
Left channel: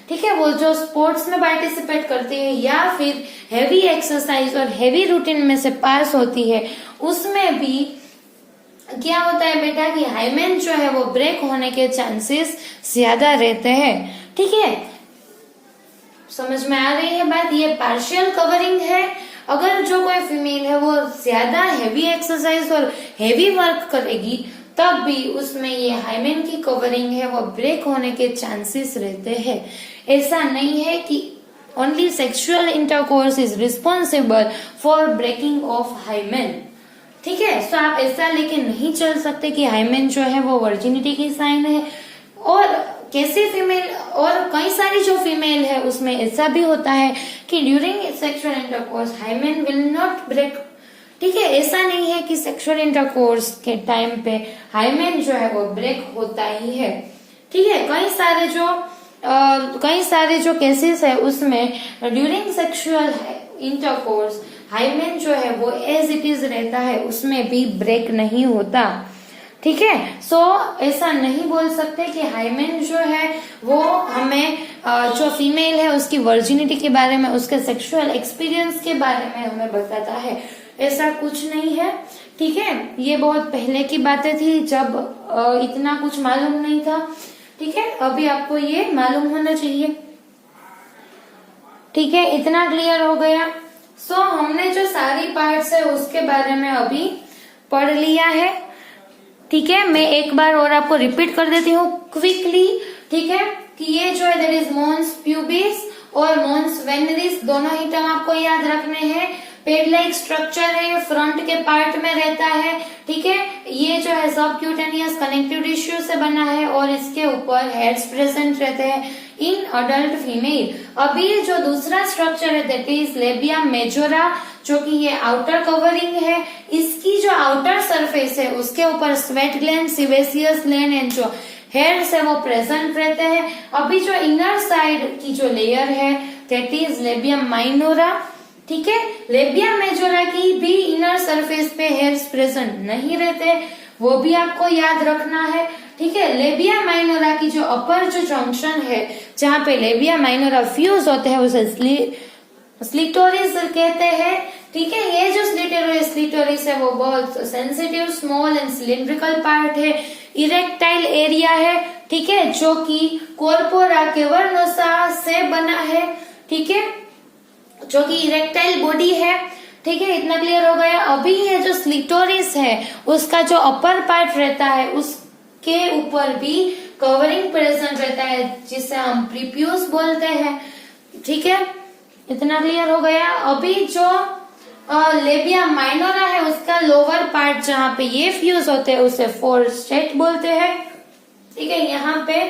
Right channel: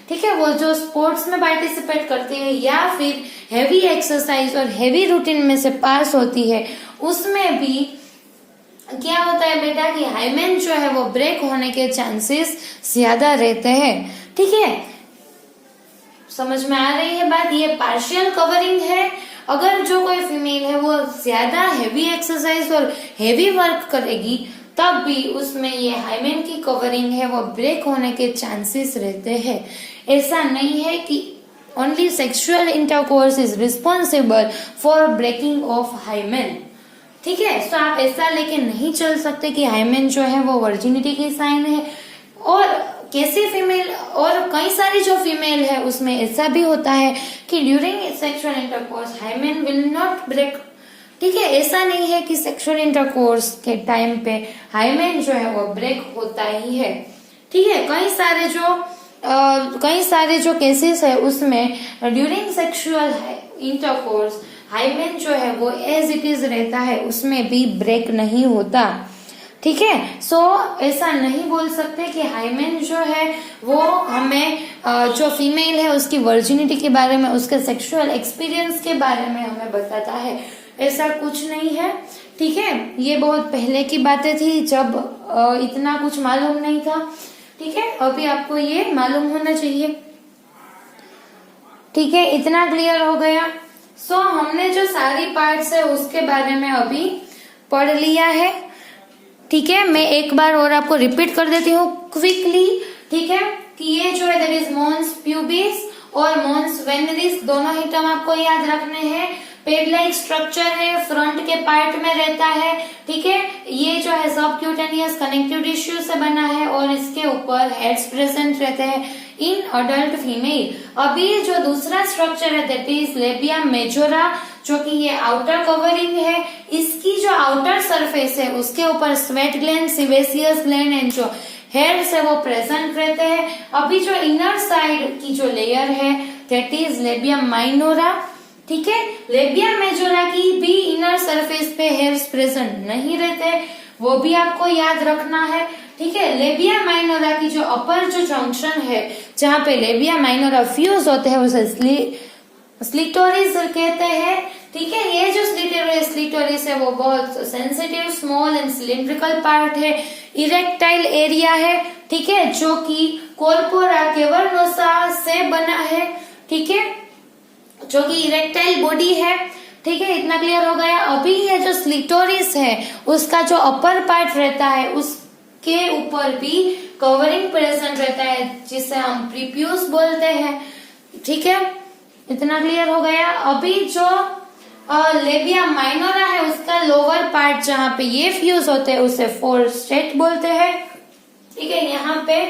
ठीक है, वो जो स्पोर्ट्स में पार्टिसिपेट करती है या फिर हेवी एक्सरसाइज और हेवी रूटीन में से पास होती है, उसमें भी क्या होता है बेटा कि हाइमेन जो है वो ब्रेक होने के चांसेस ज्यादा रहते हैं, ठीक है। समझ में आ रही है बात? ये पार्शियल कवरिंग है। अगर जो कोई फीमेल है वो ज्यादा हेवी एक्सरसाइज और हेवी वर्क करेगी तब भी उसमें ये हाइमेन की कवरिंग है वो ब्रेक होने के चांसेस रहते हैं। ऐसा नहीं है कि only sexual intercourse is responsible for breaking of hymen, ठीक है। तो आप ऐसा लेके नहीं चल सकते कि हाइमेन जो है वो वर्जिनिटी की साइन है। और कैसे फीमेल, और कई सारी जो फीमेल है उसमें ऐसा भी होता है कि during sexual intercourse hymen will not break, ठीक है। ऐसा नहीं है कि सेक्सुअल इंटरकोर्स के टाइम पे हाइमेन जो है वो ब्रेक होता ही है, ठीक है। कई सारे जो केसेस है उसमें ड्यूरिंग सेक्सुअल इंटरकोर्स हाइमेन जो है वो एज इट इज रहता है, उसमें भी ब्रेक नहीं होता, ठीक है। सो ऐसा नहीं बोल सकते कि हाइमेन जो है वो हमें जो फीमेल है उसकी वर्जिनिटी के बारे में, उसके सेक्सुअल एक्सपीरियंस के बारे में हमें बताता है, ऐसा कुछ नहीं है, ठीक है। ये बहुत पहले की बातें थी जब इतना कुछ मालूम नहीं था, ठीक है। अभी आपको ये मालूम होना चाहिए, ठीक है। इतना क्लियर हो गया। सो हमने जो सारी पार्ट्स है उसके बारे में अभी पढ़ लिया है, ठीक है। मैं एक बार और आपको रिपीट कर देती हूँ क्विकली, ठीक है, कि ये जो है दैट इज मॉन्स प्यूबिस और मॉन्स वेनरिस, दोनों ही टर्म आपको याद रखने हैं। पेड लाइक स्ट्रक्चर है, फ्रंट के पार्ट में रहता है, ठीक है। ये जो है सबक्यूटेनियस कनेक्टिव टिश्यू से बना है और इसके ऊपर हेड्स प्रेजेंट रहते हैं इन अडल्ट फीमेल। अभी जो दूसरा स्ट्रक्चर है दैट इज लेबिया मेजोरा, जो कि ये आउटर कवरिंग है। इसकी जो आउटर सरफेस है उसके ऊपर स्वेट ग्लैंड, सिवेसियस ग्लैंड एंड जो हेयर्स है वो प्रेजेंट रहते हैं। अभी जो इनर साइड की जो लेयर है दैट इज लेबिया माइनोरा, ठीक है। लेबिया मेजोरा की भी इनर सरफेस पे हेयर्स प्रेजेंट नहीं रहते, वो भी आपको याद रखना है, ठीक है। लेबिया माइनोरा की जो अपर जो जंक्शन है जहाँ पे लेबिया माइनोरा फ्यूज होते हैं उसे स्लिटोरिस कहते हैं, ठीक है। ये जो स्लिटोरिस है वो बहुत sensitive, small and cylindrical part है, इरेक्टाइल एरिया है, ठीक है, जो कि कॉर्पोरा कैवर्नोसा से बना है, ठीक है, जो कि इरेक्टाइल बॉडी है, ठीक है। इतना क्लियर हो गया। अभी ये जो स्लिटोरिस है उसका जो अपर पार्ट रहता है उसके ऊपर भी कवरिंग प्रेजेंट रहता है जिसे हम प्रीप्यूस बोलते हैं, ठीक है। इतना क्लियर हो गया। अभी जो लेबिया माइनोरा है उसका लोअर पार्ट जहाँ पे ये फ्यूज होते हैं उसे फोरस्टेट बोलते हैं, ठीक है। यहाँ पे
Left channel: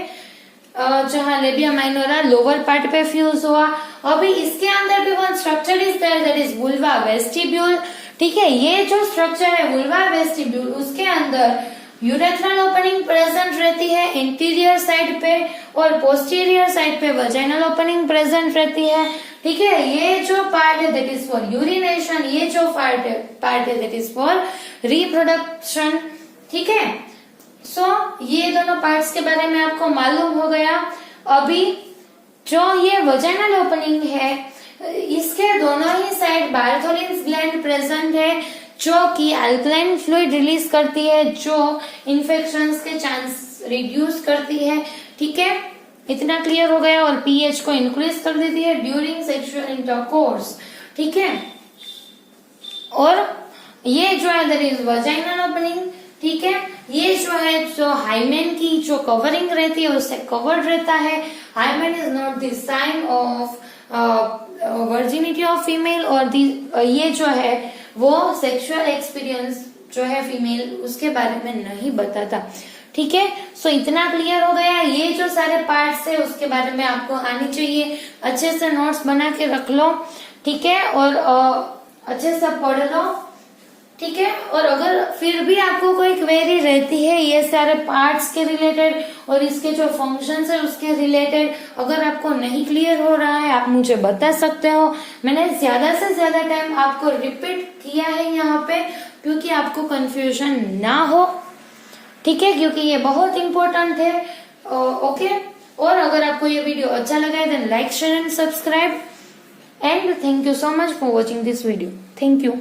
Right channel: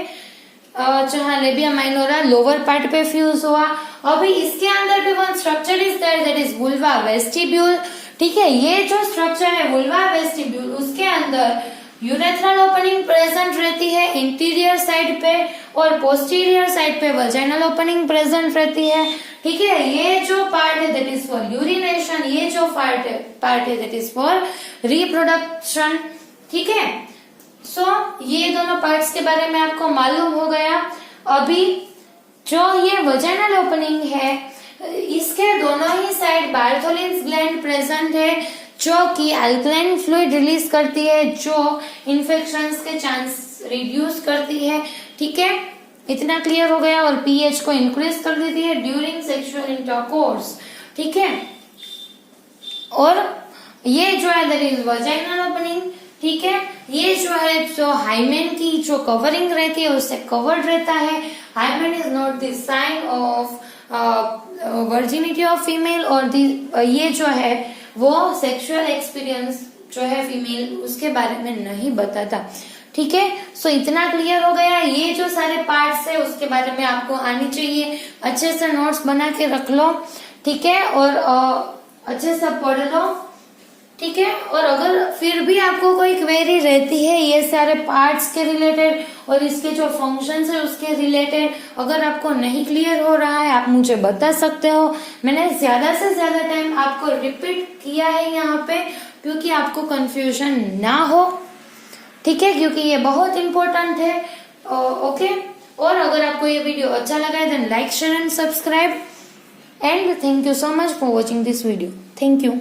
जहाँ लेबिया माइनोरा लोअर पार्ट पे फ्यूज हुआ। अभी इसके अंदर भी one structure is there that is vulva vestibule, ठीक है। ये जो स्ट्रक्चर है वुल्वा वेस्टिब्यूल, उसके अंदर यूरेथ्रल ओपनिंग प्रेजेंट रहती है इंटीरियर साइड पे और पोस्टीरियर साइड पे वजाइनल ओपनिंग प्रेजेंट रहती है, ठीक है। ये जो पार्ट है दैट इज फॉर यूरिनेशन, ये जो पार्ट है दैट इज फॉर रिप्रोडक्शन, ठीक है। सो ये दोनों पार्ट्स के बारे में आपको मालूम हो गया। अभी जो ये वजाइनल ओपनिंग है इसके दोनों ही साइड बार्थोलिन्स ग्लैंड प्रेजेंट है जो कि अल्कलाइन फ्लूइड रिलीज करती है, जो इन्फेक्शंस के चांस रिड्यूस करती है, ठीक है। इतना क्लियर हो गया। और पीएच को इंक्रीज कर देती है ड्यूरिंग सेक्सुअल इंटरकोर्स, ठीक है। और ये जो है दैट इज वजाइनल ओपनिंग, ठीक है। ये जो है जो हाइमेन की जो कवरिंग रहती है उससे कवर्ड रहता है। Hymen is not the sign of virginity of female, और ये जो है वो सेक्सुअल एक्सपीरियंस जो है फीमेल उसके बारे में नहीं बताता, ठीक है। सो इतना क्लियर हो गया। ये जो सारे पार्ट्स है उसके बारे में आपको आनी चाहिए, अच्छे से नोट्स बना के रख लो, ठीक है, और अच्छे से पढ़ लो, ठीक है। और अगर फिर भी आपको कोई क्वेरी रहती है ये सारे पार्ट्स के रिलेटेड और इसके जो फंक्शंस है उसके रिलेटेड, अगर आपको नहीं क्लियर हो रहा है आप मुझे बता सकते हो। मैंने ज्यादा से ज्यादा टाइम आपको रिपीट किया है यहाँ पे, क्योंकि आपको कंफ्यूजन ना हो, ठीक है, क्योंकि ये बहुत इंपॉर्टेंट है। ओके, और अगर आपको ये वीडियो अच्छा लगा है then like share and subscribe, and thank you so much for watching this video. Thank you.